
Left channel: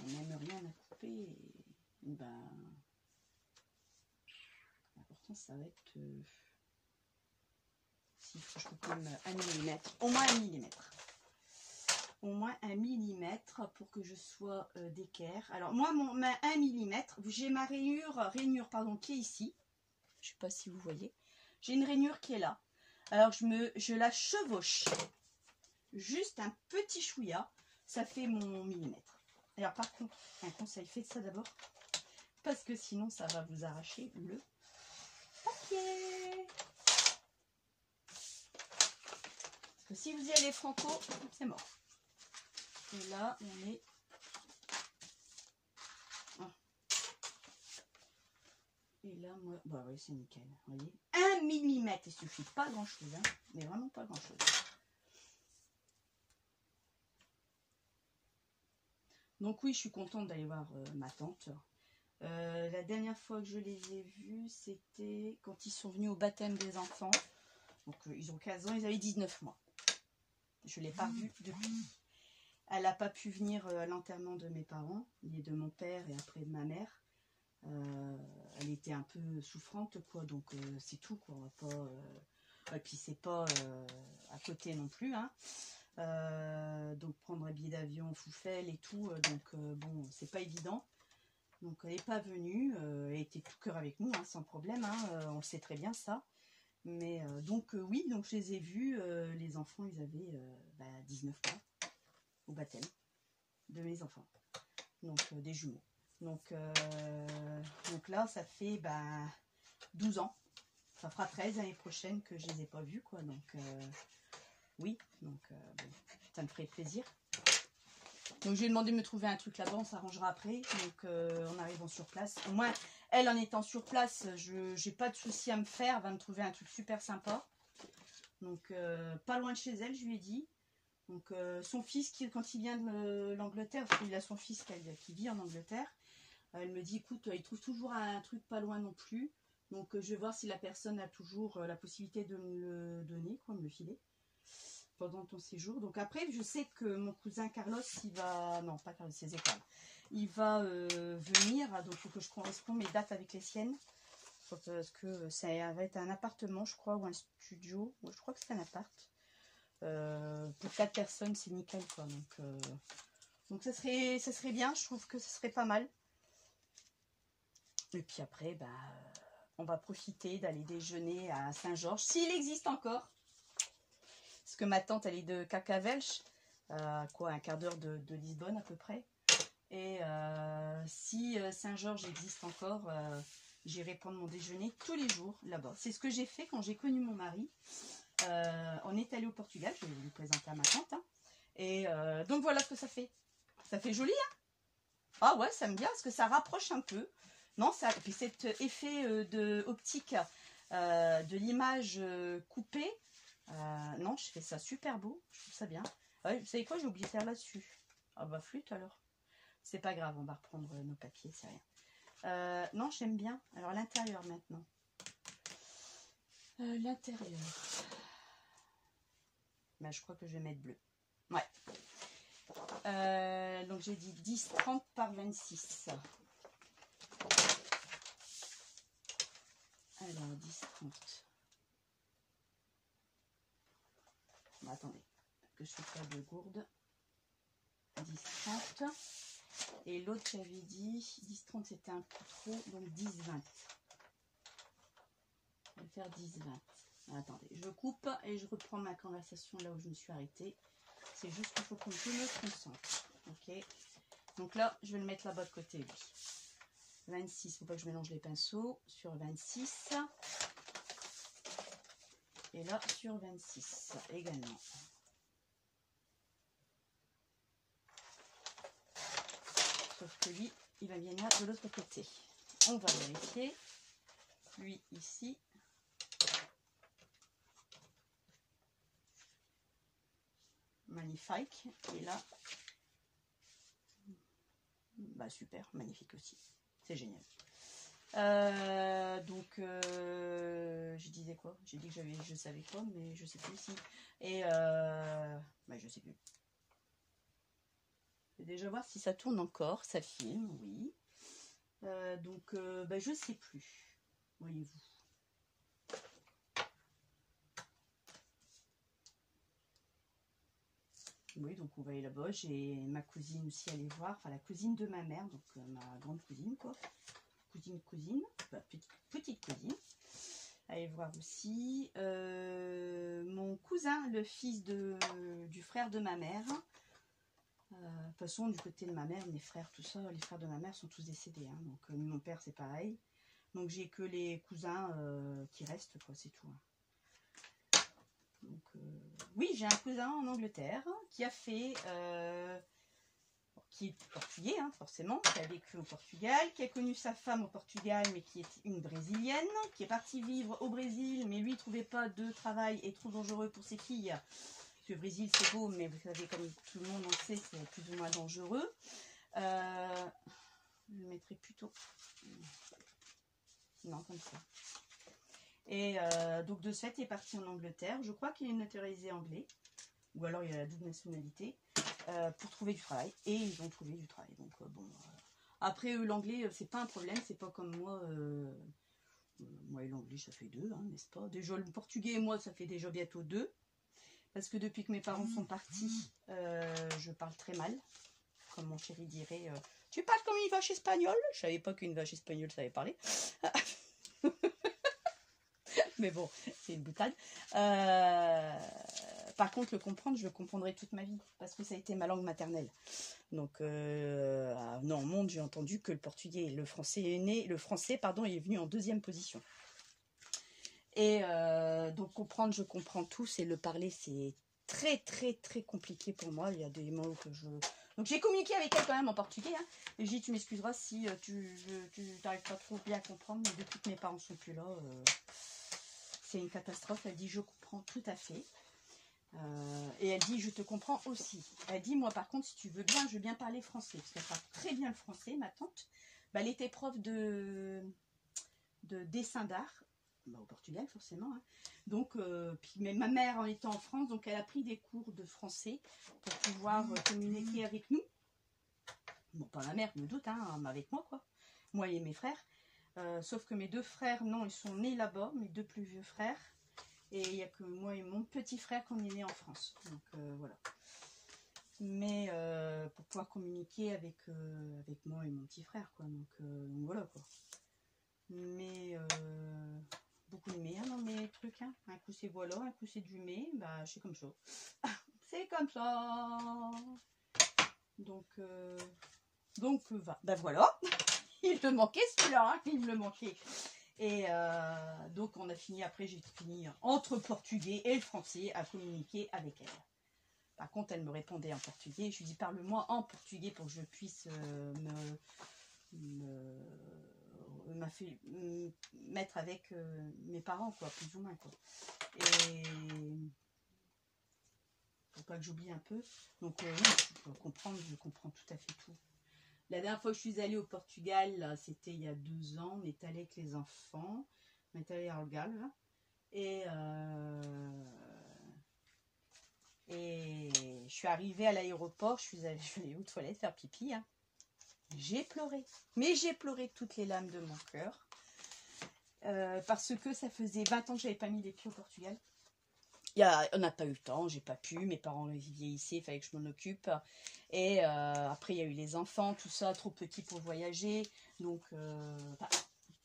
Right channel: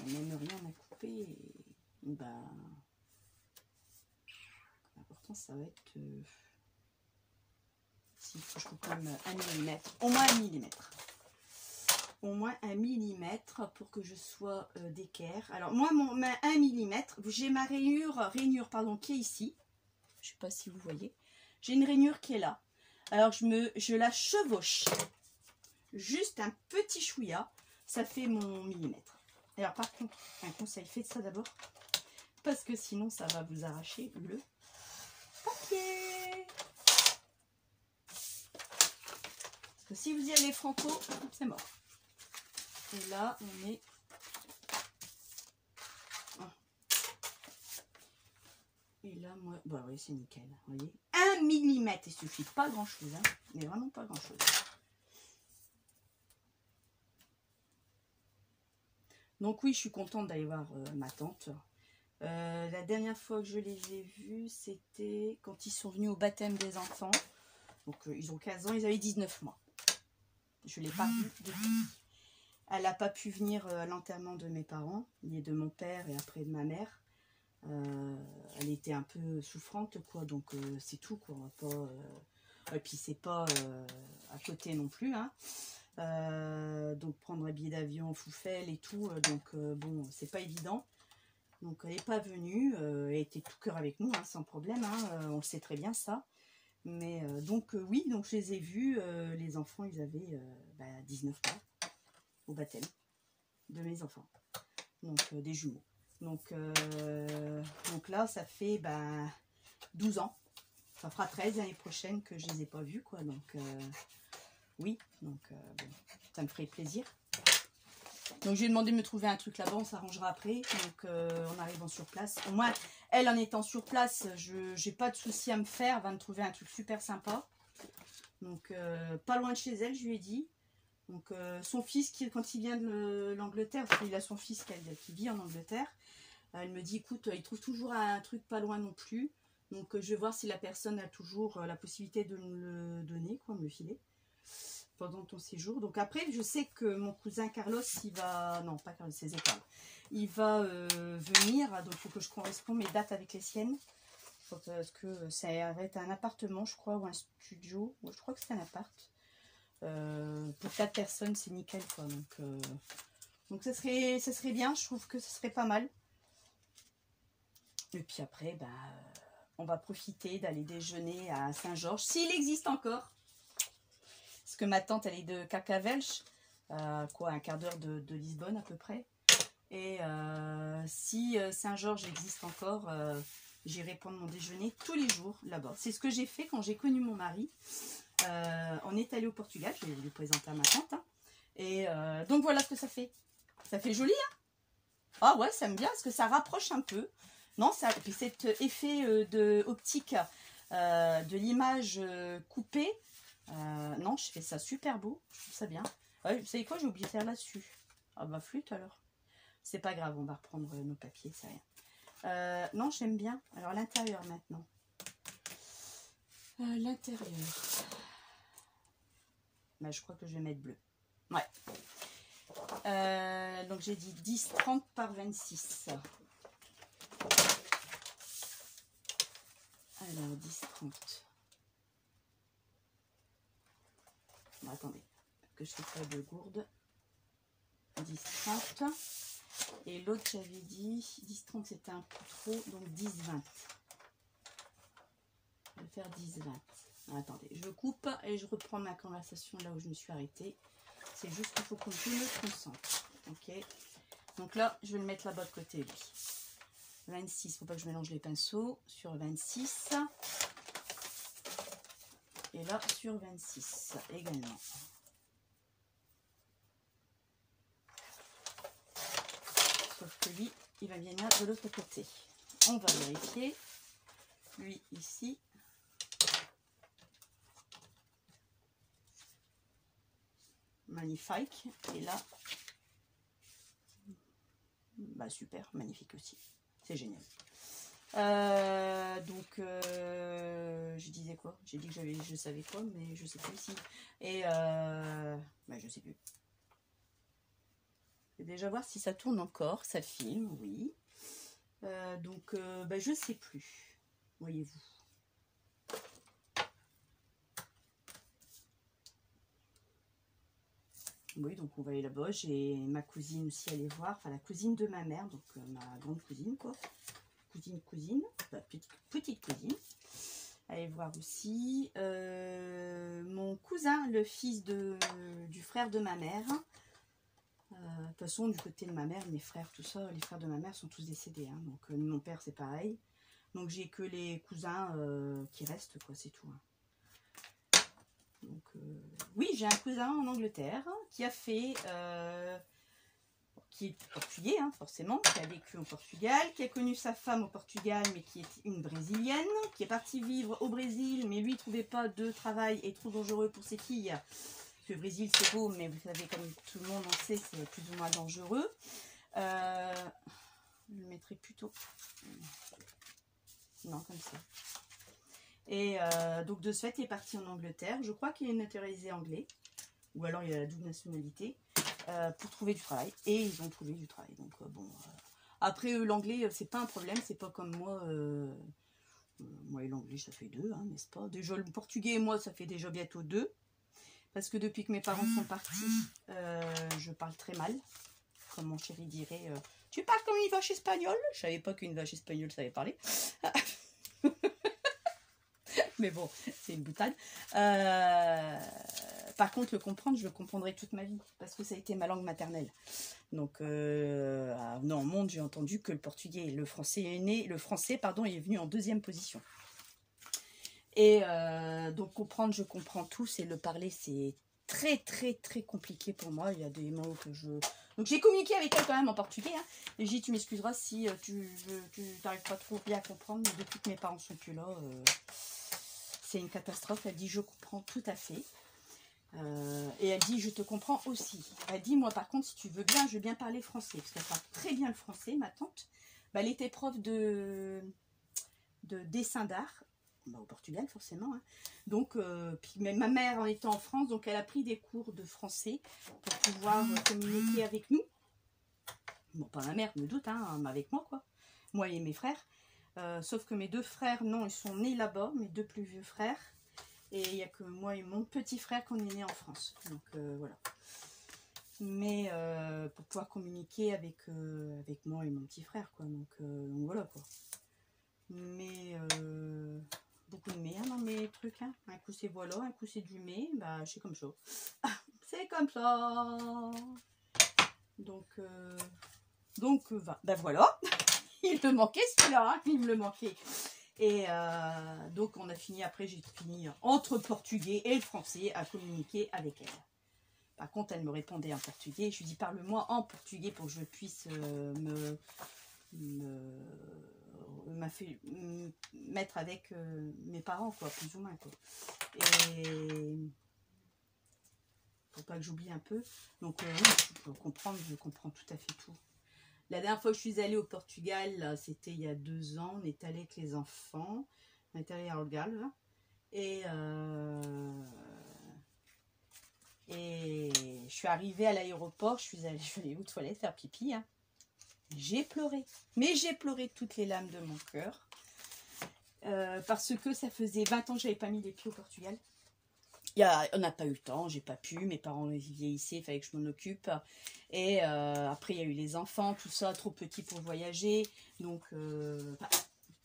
Il n'y a même rien à couper. Et, bah, l'important, ça va être... s'il faut que je coupe comme 1 mm. Au moins 1 mm. Au moins 1 mm pour que je sois d'équerre. Alors, moi, ma 1 mm, j'ai ma rainure pardon, qui est ici. Je ne sais pas si vous voyez. J'ai une rainure qui est là. Alors, je la chevauche. Juste un petit chouïa, ça fait mon millimètre. Alors par contre, un conseil, faites ça d'abord, parce que sinon ça va vous arracher le papier. Parce que si vous y allez franco, c'est mort. Et là, on est... Et là, moi... Bah oui, c'est nickel, vous voyez. 1 mm, il suffit, pas grand-chose, hein, mais vraiment pas grand-chose. Donc oui, je suis contente d'aller voir ma tante. La dernière fois que je les ai vus, c'était quand ils sont venus au baptême des enfants. Donc ils ont 15 ans, ils avaient 19 mois. Je ne l'ai pas vue depuis. Elle n'a pas pu venir à l'enterrement de mes parents, ni de mon père et après de ma mère. Elle était un peu souffrante, quoi. Donc c'est tout, quoi. Et puis c'est pas à côté non plus, hein. Donc prendre un billet d'avion Foufelle et tout, donc bon, c'est pas évident. Donc elle n'est pas venue, elle était tout cœur avec nous, hein, sans problème, hein, on le sait très bien ça. Mais donc oui, donc je les ai vus, les enfants ils avaient 19 mois au baptême de mes enfants, donc des jumeaux. Donc là ça fait 12 ans, ça fera 13 l'année prochaine que je les ai pas vus, quoi. Donc oui, donc bon, ça me ferait plaisir. Donc je lui ai demandé de me trouver un truc là-bas, on s'arrangera après. Donc en arrivant sur place, au moins elle en étant sur place, je n'ai pas de souci à me faire, elle va me trouver un truc super sympa. Donc pas loin de chez elle, je lui ai dit. Donc son fils, quand il vient de l'Angleterre, parce qu'il a son fils qui vit en Angleterre, elle me dit écoute, il trouve toujours un truc pas loin non plus. Donc je vais voir si la personne a toujours la possibilité de me le donner, quoi, me le filer pendant ton séjour. Donc après, je sais que mon cousin Carlos, il va... Non, pas Carlos, c'est Zécarl. Il va venir, donc il faut que je corresponde mes dates avec les siennes. Parce que ça va être un appartement, je crois, ou un studio. Moi, je crois que c'est un appart. Pour 4 personnes, c'est nickel, quoi. Donc ça serait bien, je trouve que ce serait pas mal. Et puis après, on va profiter d'aller déjeuner à Saint-Georges, s'il existe encore. Parce que ma tante, elle est de Carcavelch, un quart d'heure de Lisbonne à peu près. Et si Saint-Georges existe encore, j'irai prendre mon déjeuner tous les jours là-bas. C'est ce que j'ai fait quand j'ai connu mon mari. On est allé au Portugal, je vais vous le présenter à ma tante. Hein. Et donc voilà ce que ça fait. Ça fait joli, hein? Ah ouais, ça me vient parce que ça rapproche un peu. Non, puis cet effet optique de l'image coupée. Non, je fais ça super beau, je trouve ça bien. Vous savez quoi, j'ai oublié de faire là-dessus. Ah bah flûte alors. C'est pas grave, on va reprendre nos papiers, c'est rien. Non, j'aime bien. Alors l'intérieur maintenant. L'intérieur. Je crois que je vais mettre bleu. Ouais. Donc j'ai dit 10, 30 par 26. compte. Bon, attendez, que je ne fais pas de gourde. 10-30. Et l'autre, j'avais dit 10-30, c'était un peu trop, donc 10-20. Je vais faire 10-20. Attendez, je coupe et je reprends ma conversation là où je me suis arrêtée. C'est juste qu'il faut que je me concentre. Ok. Donc là, je vais le mettre là-bas de côté, lui. 26, il ne faut pas que je mélange les pinceaux. Sur 26. Et là, sur 26 également. Sauf que lui, il va venir de l'autre côté. On va vérifier. Lui, ici. Magnifique. Et là, bah super, magnifique aussi. C'est génial. Je disais quoi? J'ai dit que je savais quoi, mais je sais plus ici. Et bah, je sais plus. Je vais déjà voir si ça tourne encore, ça filme, oui. Bah, je sais plus. Voyez-vous. Oui, donc on va aller là-bas. J'ai ma cousine aussi à aller voir. Enfin, la cousine de ma mère, donc ma grande cousine, quoi. Cousine, bah, petite cousine. Allez voir aussi. Mon cousin, le fils du frère de ma mère. De toute façon, du côté de ma mère, mes frères, tout ça, les frères de ma mère sont tous décédés. Hein. Donc, mon père, c'est pareil. Donc, j'ai que les cousins qui restent, quoi, c'est tout. Hein. Donc, oui, j'ai un cousin en Angleterre qui a fait, qui est portugais, hein, forcément, qui a vécu au Portugal, qui a connu sa femme au Portugal, mais qui est une brésilienne, qui est partie vivre au Brésil, mais lui, il ne trouvait pas de travail et trop dangereux pour ses filles. Parce que le Brésil, c'est beau, mais vous savez, comme tout le monde en sait, c'est plus ou moins dangereux. Je le mettrai plutôt. Non, comme ça. Et donc de ce fait, il est parti en Angleterre. Je crois qu'il est naturalisé anglais. Ou alors il a la double nationalité. Pour trouver du travail. Et ils ont trouvé du travail. Donc bon. Après, l'anglais, c'est pas un problème. C'est pas comme moi. Moi et l'anglais, ça fait 2, hein, n'est-ce pas? Déjà, le portugais et moi, ça fait déjà bientôt 2. Parce que depuis que mes parents sont partis, je parle très mal. Comme mon chéri dirait, tu parles comme une vache espagnole. Je savais pas qu'une vache espagnole savait parler. Mais bon, c'est une boutade. Par contre, le comprendre, je le comprendrai toute ma vie. Parce que ça a été ma langue maternelle. Donc, dans le monde, j'ai entendu que le portugais et le français est né. Le français, pardon, est venu en 2e position. Et donc, comprendre, je comprends tous. Et le parler, c'est très, très, très compliqué pour moi. Il y a des mots que je... Donc, j'ai communiqué avec elle quand même en portugais. Hein. Et j'ai dit, tu m'excuseras si tu n'arrives pas trop bien à comprendre. Mais depuis que mes parents sont plus là... c'est une catastrophe. Elle dit, je comprends tout à fait. Et elle dit, je te comprends aussi. Elle dit, moi par contre, si tu veux bien, je veux bien parler français. Parce qu'elle parle très bien le français, ma tante. Bah, elle était prof de dessin d'art. Bah, au Portugal, forcément. Hein. Donc, puis même ma mère en étant en France, donc elle a pris des cours de français pour pouvoir communiquer avec nous. Bon, pas ma mère, je me doute, hein, avec moi, quoi. Moi et mes frères. Sauf que mes 2 frères, non, ils sont nés là-bas, mes 2 plus vieux frères. Et il n'y a que moi et mon petit frère qu'on est nés en France. Donc voilà. Mais pour pouvoir communiquer avec moi et mon petit frère, quoi. Donc voilà, quoi. Mais beaucoup de mais hein, dans mes trucs. Hein. Un coup c'est voilà, un coup c'est du mais. Bah, c'est comme ça. C'est comme ça. Donc bah voilà. Il me manquait celui-là, hein, il me le manquait. Et donc on a fini, après j'ai fini entre le portugais et le français à communiquer avec elle. Par contre elle me répondait en portugais, je lui dis parle-moi en portugais pour que je puisse mettre avec mes parents, quoi, plus ou moins, quoi. Et pour pas que j'oublie un peu. Donc je comprends tout à fait tout. La dernière fois que je suis allée au Portugal, c'était il y a 2 ans. On est allé avec les enfants. On est allé à Algarve. Et je suis arrivée à l'aéroport. Je suis allée aux toilettes faire pipi. Hein. J'ai pleuré. Mais j'ai pleuré toutes les larmes de mon cœur. parce que ça faisait 20 ans que j'avais pas mis les pieds au Portugal. On n'a pas eu le temps, j'ai pas pu, mes parents vieillissaient, il fallait que je m'en occupe. Et après, il y a eu les enfants, tout ça, trop petit pour voyager. Donc,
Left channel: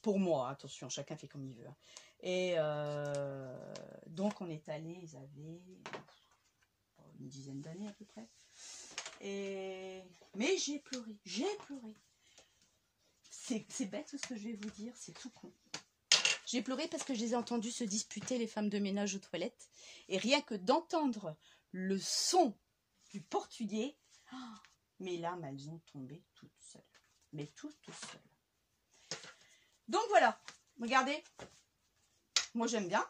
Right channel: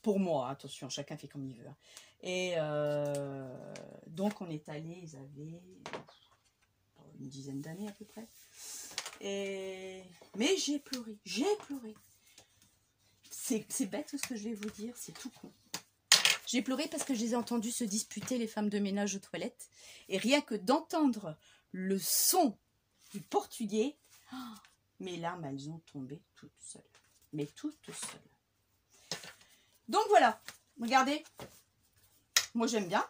pour moi, attention, chacun fait comme il veut. Et donc, on est allé, ils avaient une dizaine d'années à peu près. Mais j'ai pleuré, C'est bête ce que je vais vous dire, c'est tout con. J'ai pleuré parce que je les ai entendus se disputer, les femmes de ménage aux toilettes. Et rien que d'entendre le son du portugais, mes larmes, elles ont tombé toutes seules. Mais toutes seules. Donc voilà, regardez. Moi j'aime bien.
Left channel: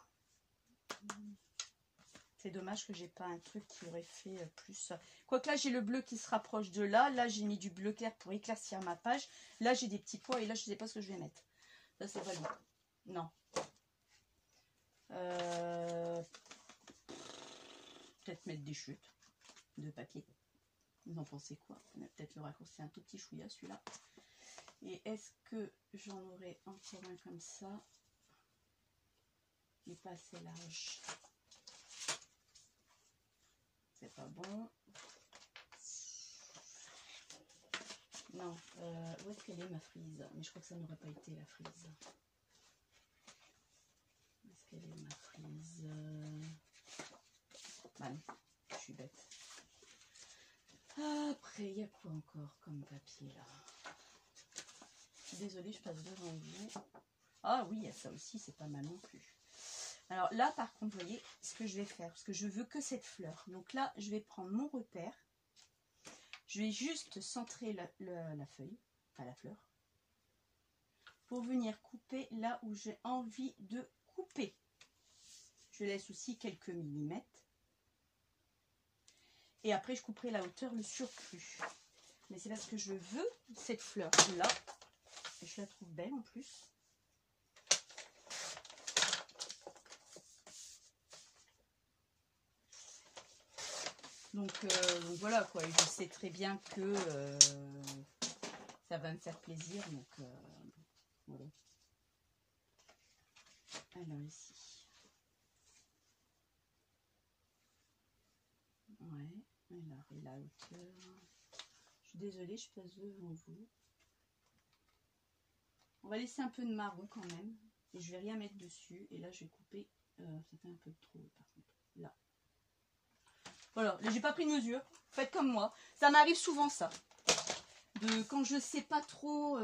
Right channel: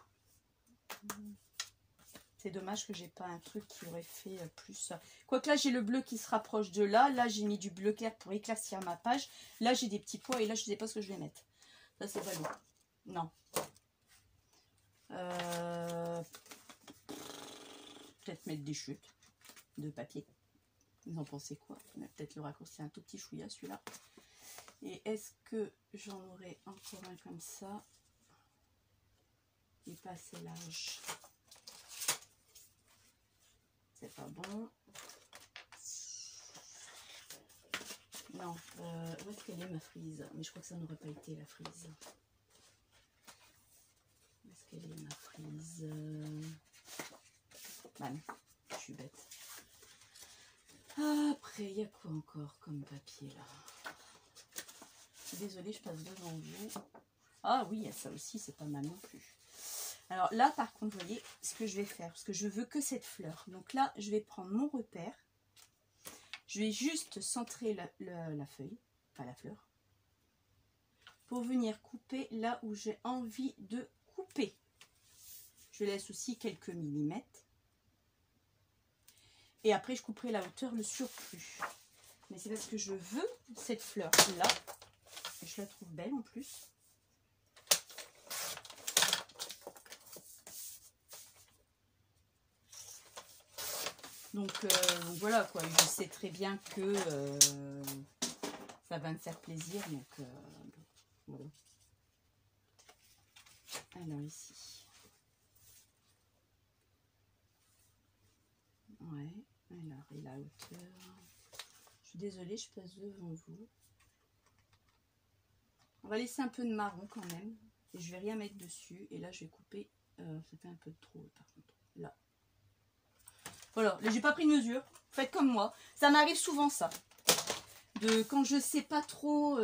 C'est dommage que j'ai pas un truc qui aurait fait plus. Quoique là j'ai le bleu qui se rapproche de là. Là j'ai mis du bleu clair pour éclaircir ma page. Là j'ai des petits pois et là je sais pas ce que je vais mettre. Là c'est ballon. Non. Peut-être mettre des chutes de papier. Vous en pensez quoi? On va peut-être le raccourcir un tout petit chouïa celui-là. Et est-ce que j'en aurai encore un comme ça? Il n'est pas assez large. C'est pas bon. Non. Où est-ce qu'elle est ma frise? Mais je crois que ça n'aurait pas été la frise. Où est-ce qu'elle est ma frise? Ah non, je suis bête. Après, il y a quoi encore comme papier là? Désolée, je passe devant vous. Ah oui, il y a ça aussi, c'est pas mal non plus. Alors là, par contre, vous voyez ce que je vais faire, parce que je veux que cette fleur. Donc là, je vais prendre mon repère. Je vais juste centrer la feuille, enfin la fleur, pour venir couper là où j'ai envie de couper. Je laisse aussi quelques millimètres. Et après, je couperai la hauteur, le surplus. Mais c'est parce que je veux cette fleur-là. Je la trouve belle en plus. Donc voilà quoi, je sais très bien que ça va me faire plaisir. Donc voilà. Alors ici. Ouais, alors et la hauteur. Je suis désolée, je passe devant vous. On va laisser un peu de marron quand même. Et je vais rien mettre dessus. Et là je vais couper. Ça fait un peu de trop par contre. Là. Voilà, là j'ai pas pris de mesure. Faites comme moi. Ça m'arrive souvent ça. Quand je sais pas trop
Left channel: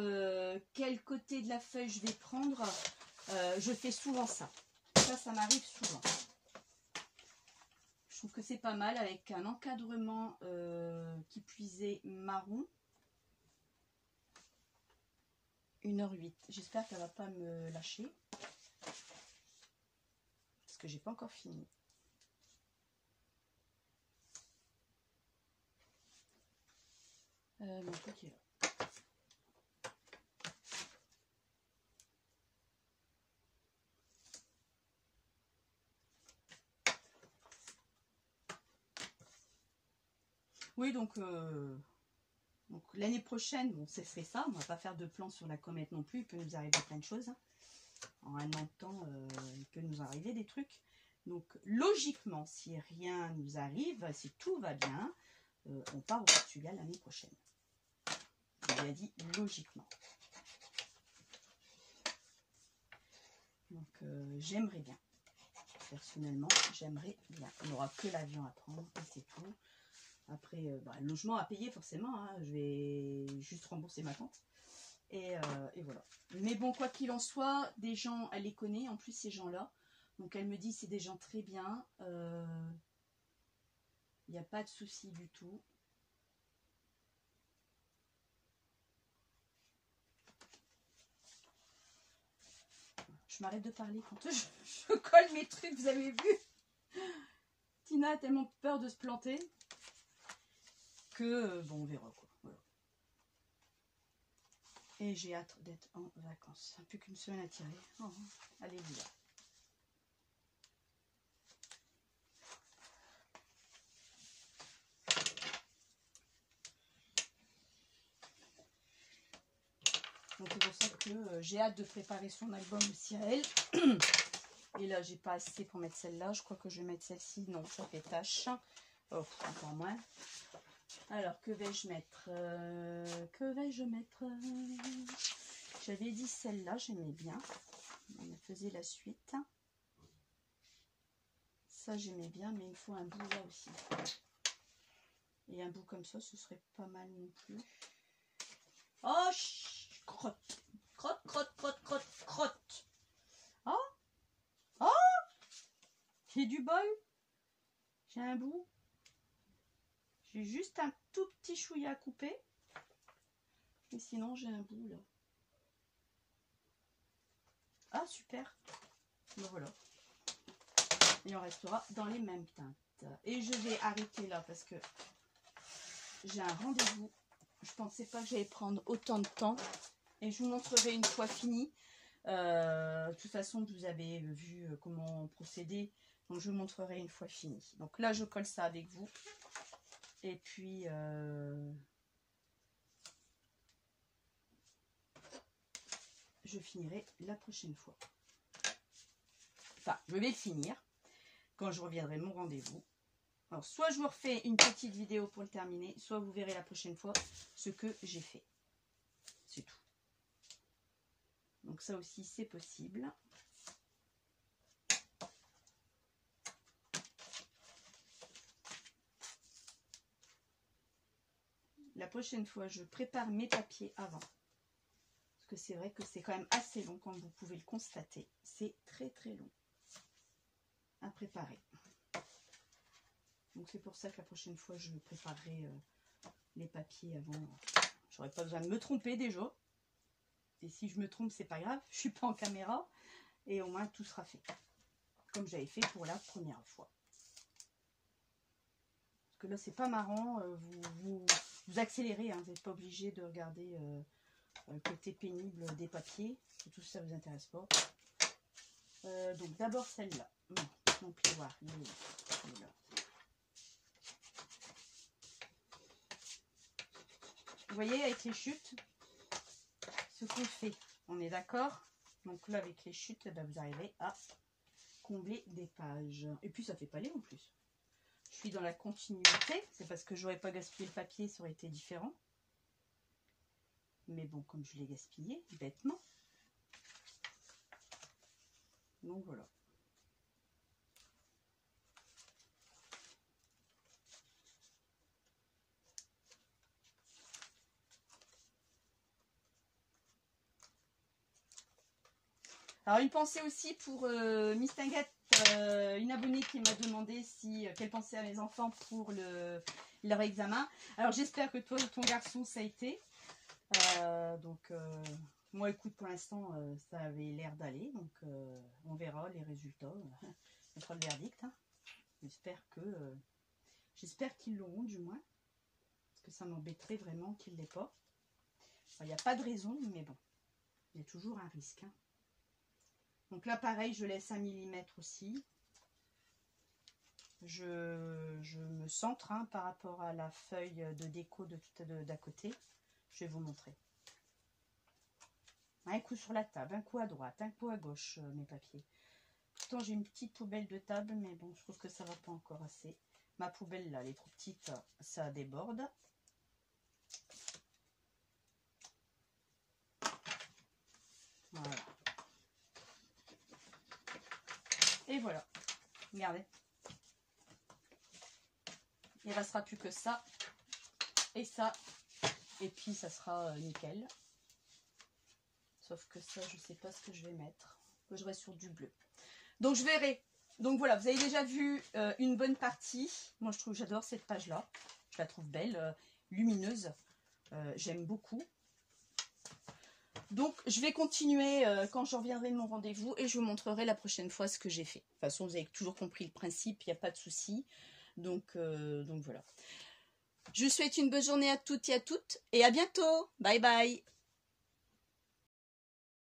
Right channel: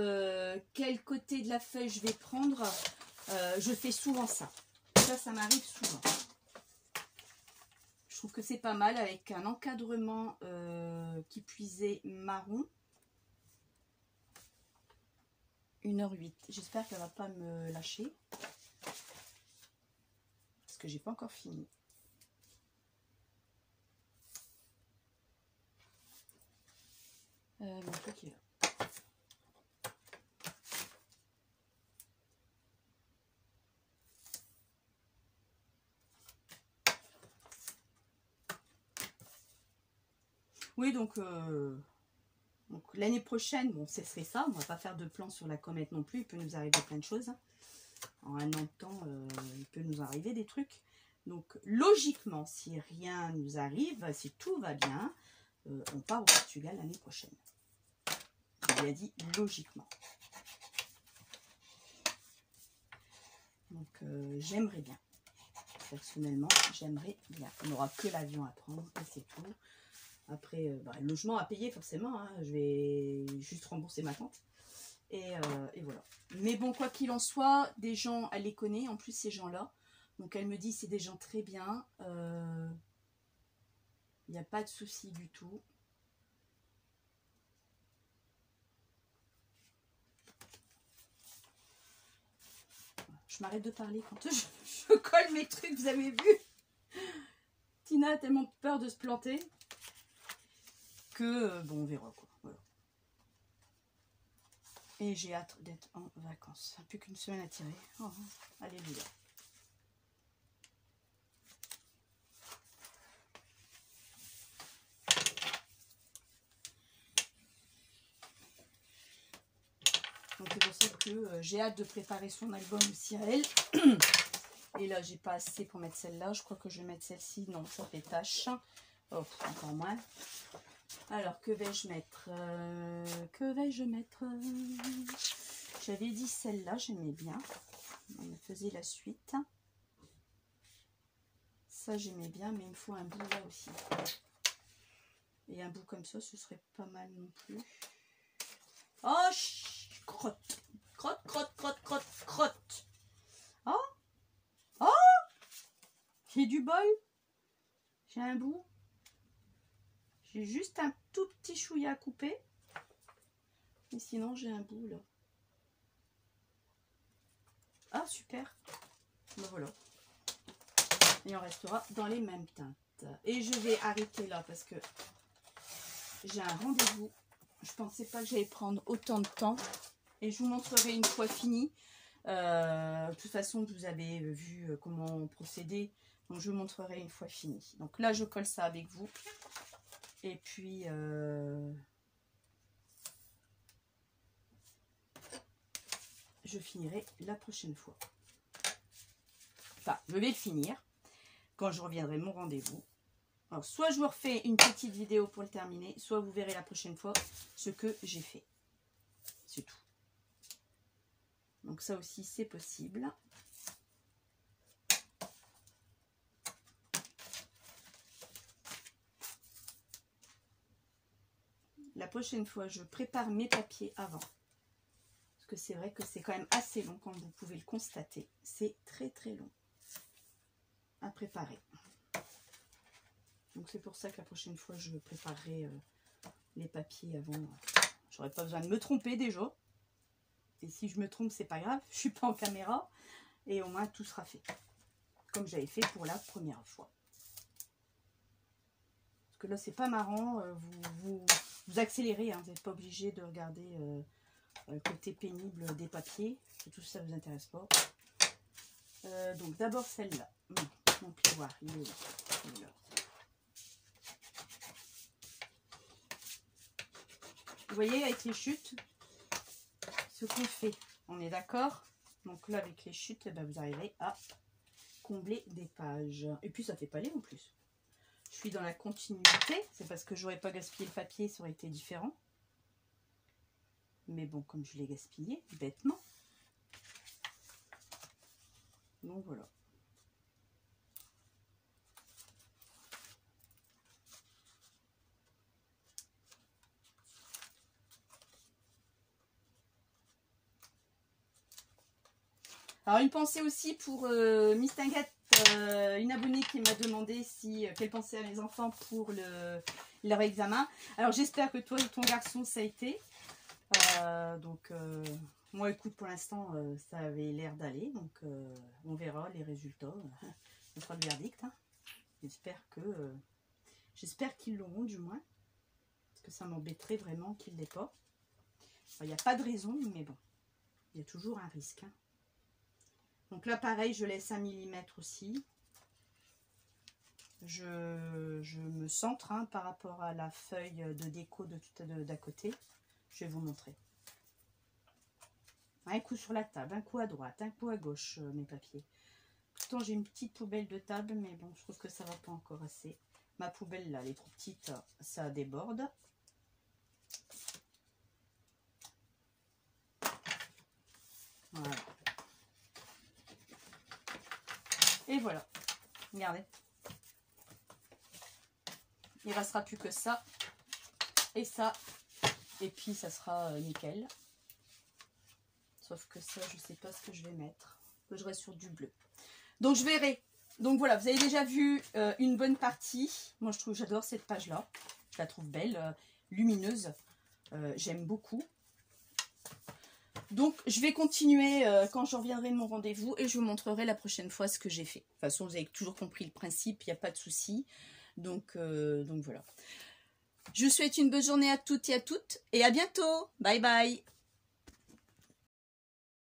quel côté de la feuille je vais prendre, je fais souvent ça. Ça m'arrive souvent. Je trouve que c'est pas mal avec un encadrement qui puisait marron. 1h08. J'espère qu'elle va pas me lâcher. Parce que j'ai pas encore fini. Mon truc est là. Oui, donc l'année prochaine, bon, c'est ça. On va pas faire de plan sur la comète non plus. Il peut nous arriver plein de choses. En un an de temps, il peut nous arriver des trucs. Donc, logiquement, si rien nous arrive, si tout va bien, on part au Portugal l'année prochaine. Il a dit logiquement. Donc, j'aimerais bien. Personnellement, j'aimerais bien. On n'aura que l'avion à prendre et c'est tout. Après, le logement à payer forcément. Hein. Je vais juste rembourser ma tante. Et voilà. Mais bon, quoi qu'il en soit, des gens, elle les connaît. En plus, ces gens-là. Donc, elle me dit c'est des gens très bien. Il n'y a pas de souci du tout. Je m'arrête de parler quand je colle mes trucs, vous avez vu. Tina a tellement peur de se planter que, bon, on verra quoi. Voilà. Et j'ai hâte d'être en vacances. Plus qu'une semaine à tirer. Oh, alléluia. Donc c'est pour ça que que j'ai hâte de préparer son album aussi à elle. Et là, j'ai pas assez pour mettre celle-là. Je crois que je vais mettre celle-ci. Non, ça fait tâche. Oh, encore moins. Alors, que vais-je mettre J'avais dit celle-là, j'aimais bien. On faisait la suite. Ça, j'aimais bien, mais il me faut un bout là aussi. Et un bout comme ça, ce serait pas mal non plus. Oh, crotte. Crotte, crotte, crotte, crotte, crotte. Oh, oh, j'ai du bol. J'ai un bout. J'ai juste un tout petit chouïa à couper. Et sinon, j'ai un bout là. Ah, super. Ben voilà. Et on restera dans les mêmes teintes. Et je vais arrêter là parce que j'ai un rendez-vous. Je pensais pas que j'allais prendre autant de temps. Et je vous montrerai une fois fini. De toute façon, vous avez vu comment procéder. Donc, je vous montrerai une fois fini. Donc là, je colle ça avec vous. Et puis... je finirai la prochaine fois. Enfin, je vais finir quand je reviendrai mon rendez-vous. Alors, soit je vous refais une petite vidéo pour le terminer, soit vous verrez la prochaine fois ce que j'ai fait. C'est tout. Donc ça aussi, c'est possible. La prochaine fois, je prépare mes papiers avant. Parce que c'est vrai que c'est quand même assez long, comme vous pouvez le constater. C'est très très long à préparer. Donc c'est pour ça que la prochaine fois, je préparerai les papiers avant. J'aurais pas besoin de me tromper déjà. Et si je me trompe, c'est pas grave. Je suis pas en caméra. Et au moins, tout sera fait. Comme j'avais fait pour la première fois. Parce que là, c'est pas marrant. Vous accélérez. Hein, vous n'êtes pas obligé de regarder le côté pénible des papiers. Tout ça ne vous intéresse pas. Donc d'abord celle-là. Mon plioir, il est là. Vous voyez, avec les chutes, ce qu'on fait, on est d'accord? Donc là, avec les chutes, ben, vous arrivez à combler des pages. Et puis, ça fait pas laid en plus. Je suis dans la continuité. C'est parce que j'aurais pas gaspillé le papier, ça aurait été différent. Mais bon, comme je l'ai gaspillé, bêtement. Donc voilà. Alors, une pensée aussi pour Miss Tinguette, une abonnée qui m'a demandé si qu'elle pensait à mes enfants pour leur examen. Alors, j'espère que toi et ton garçon, ça a été. Moi, écoute, pour l'instant, ça avait l'air d'aller. Donc, on verra les résultats. On fera le verdict. Hein. J'espère qu'ils l'auront, du moins. Parce que ça m'embêterait vraiment qu'ils ne l'aient pas. Il n'y a pas de raison, mais bon. Il y a toujours un risque. Hein. Donc là, pareil, je laisse 1 mm aussi. Je me centre hein, par rapport à la feuille de déco d'à côté. Je vais vous montrer. Un coup sur la table, un coup à droite, un coup à gauche, mes papiers. Pourtant, j'ai une petite poubelle de table, mais bon, je trouve que ça va pas encore assez. Ma poubelle, là, elle est trop petite, ça déborde. Voilà. Et voilà. Regardez. Il ne restera plus que ça. Et ça. Et puis, ça sera nickel. Sauf que ça, je ne sais pas ce que je vais mettre. Je reste sur du bleu. Donc, je verrai. Donc, voilà. Vous avez déjà vu une bonne partie. Moi, j'adore cette page-là. Je la trouve belle, lumineuse. J'aime beaucoup. Donc, je vais continuer quand je reviendrai de mon rendez-vous et je vous montrerai la prochaine fois ce que j'ai fait. De toute façon, vous avez toujours compris le principe, il n'y a pas de souci. Donc voilà. Je vous souhaite une bonne journée à toutes et à toutes et à bientôt. Bye bye.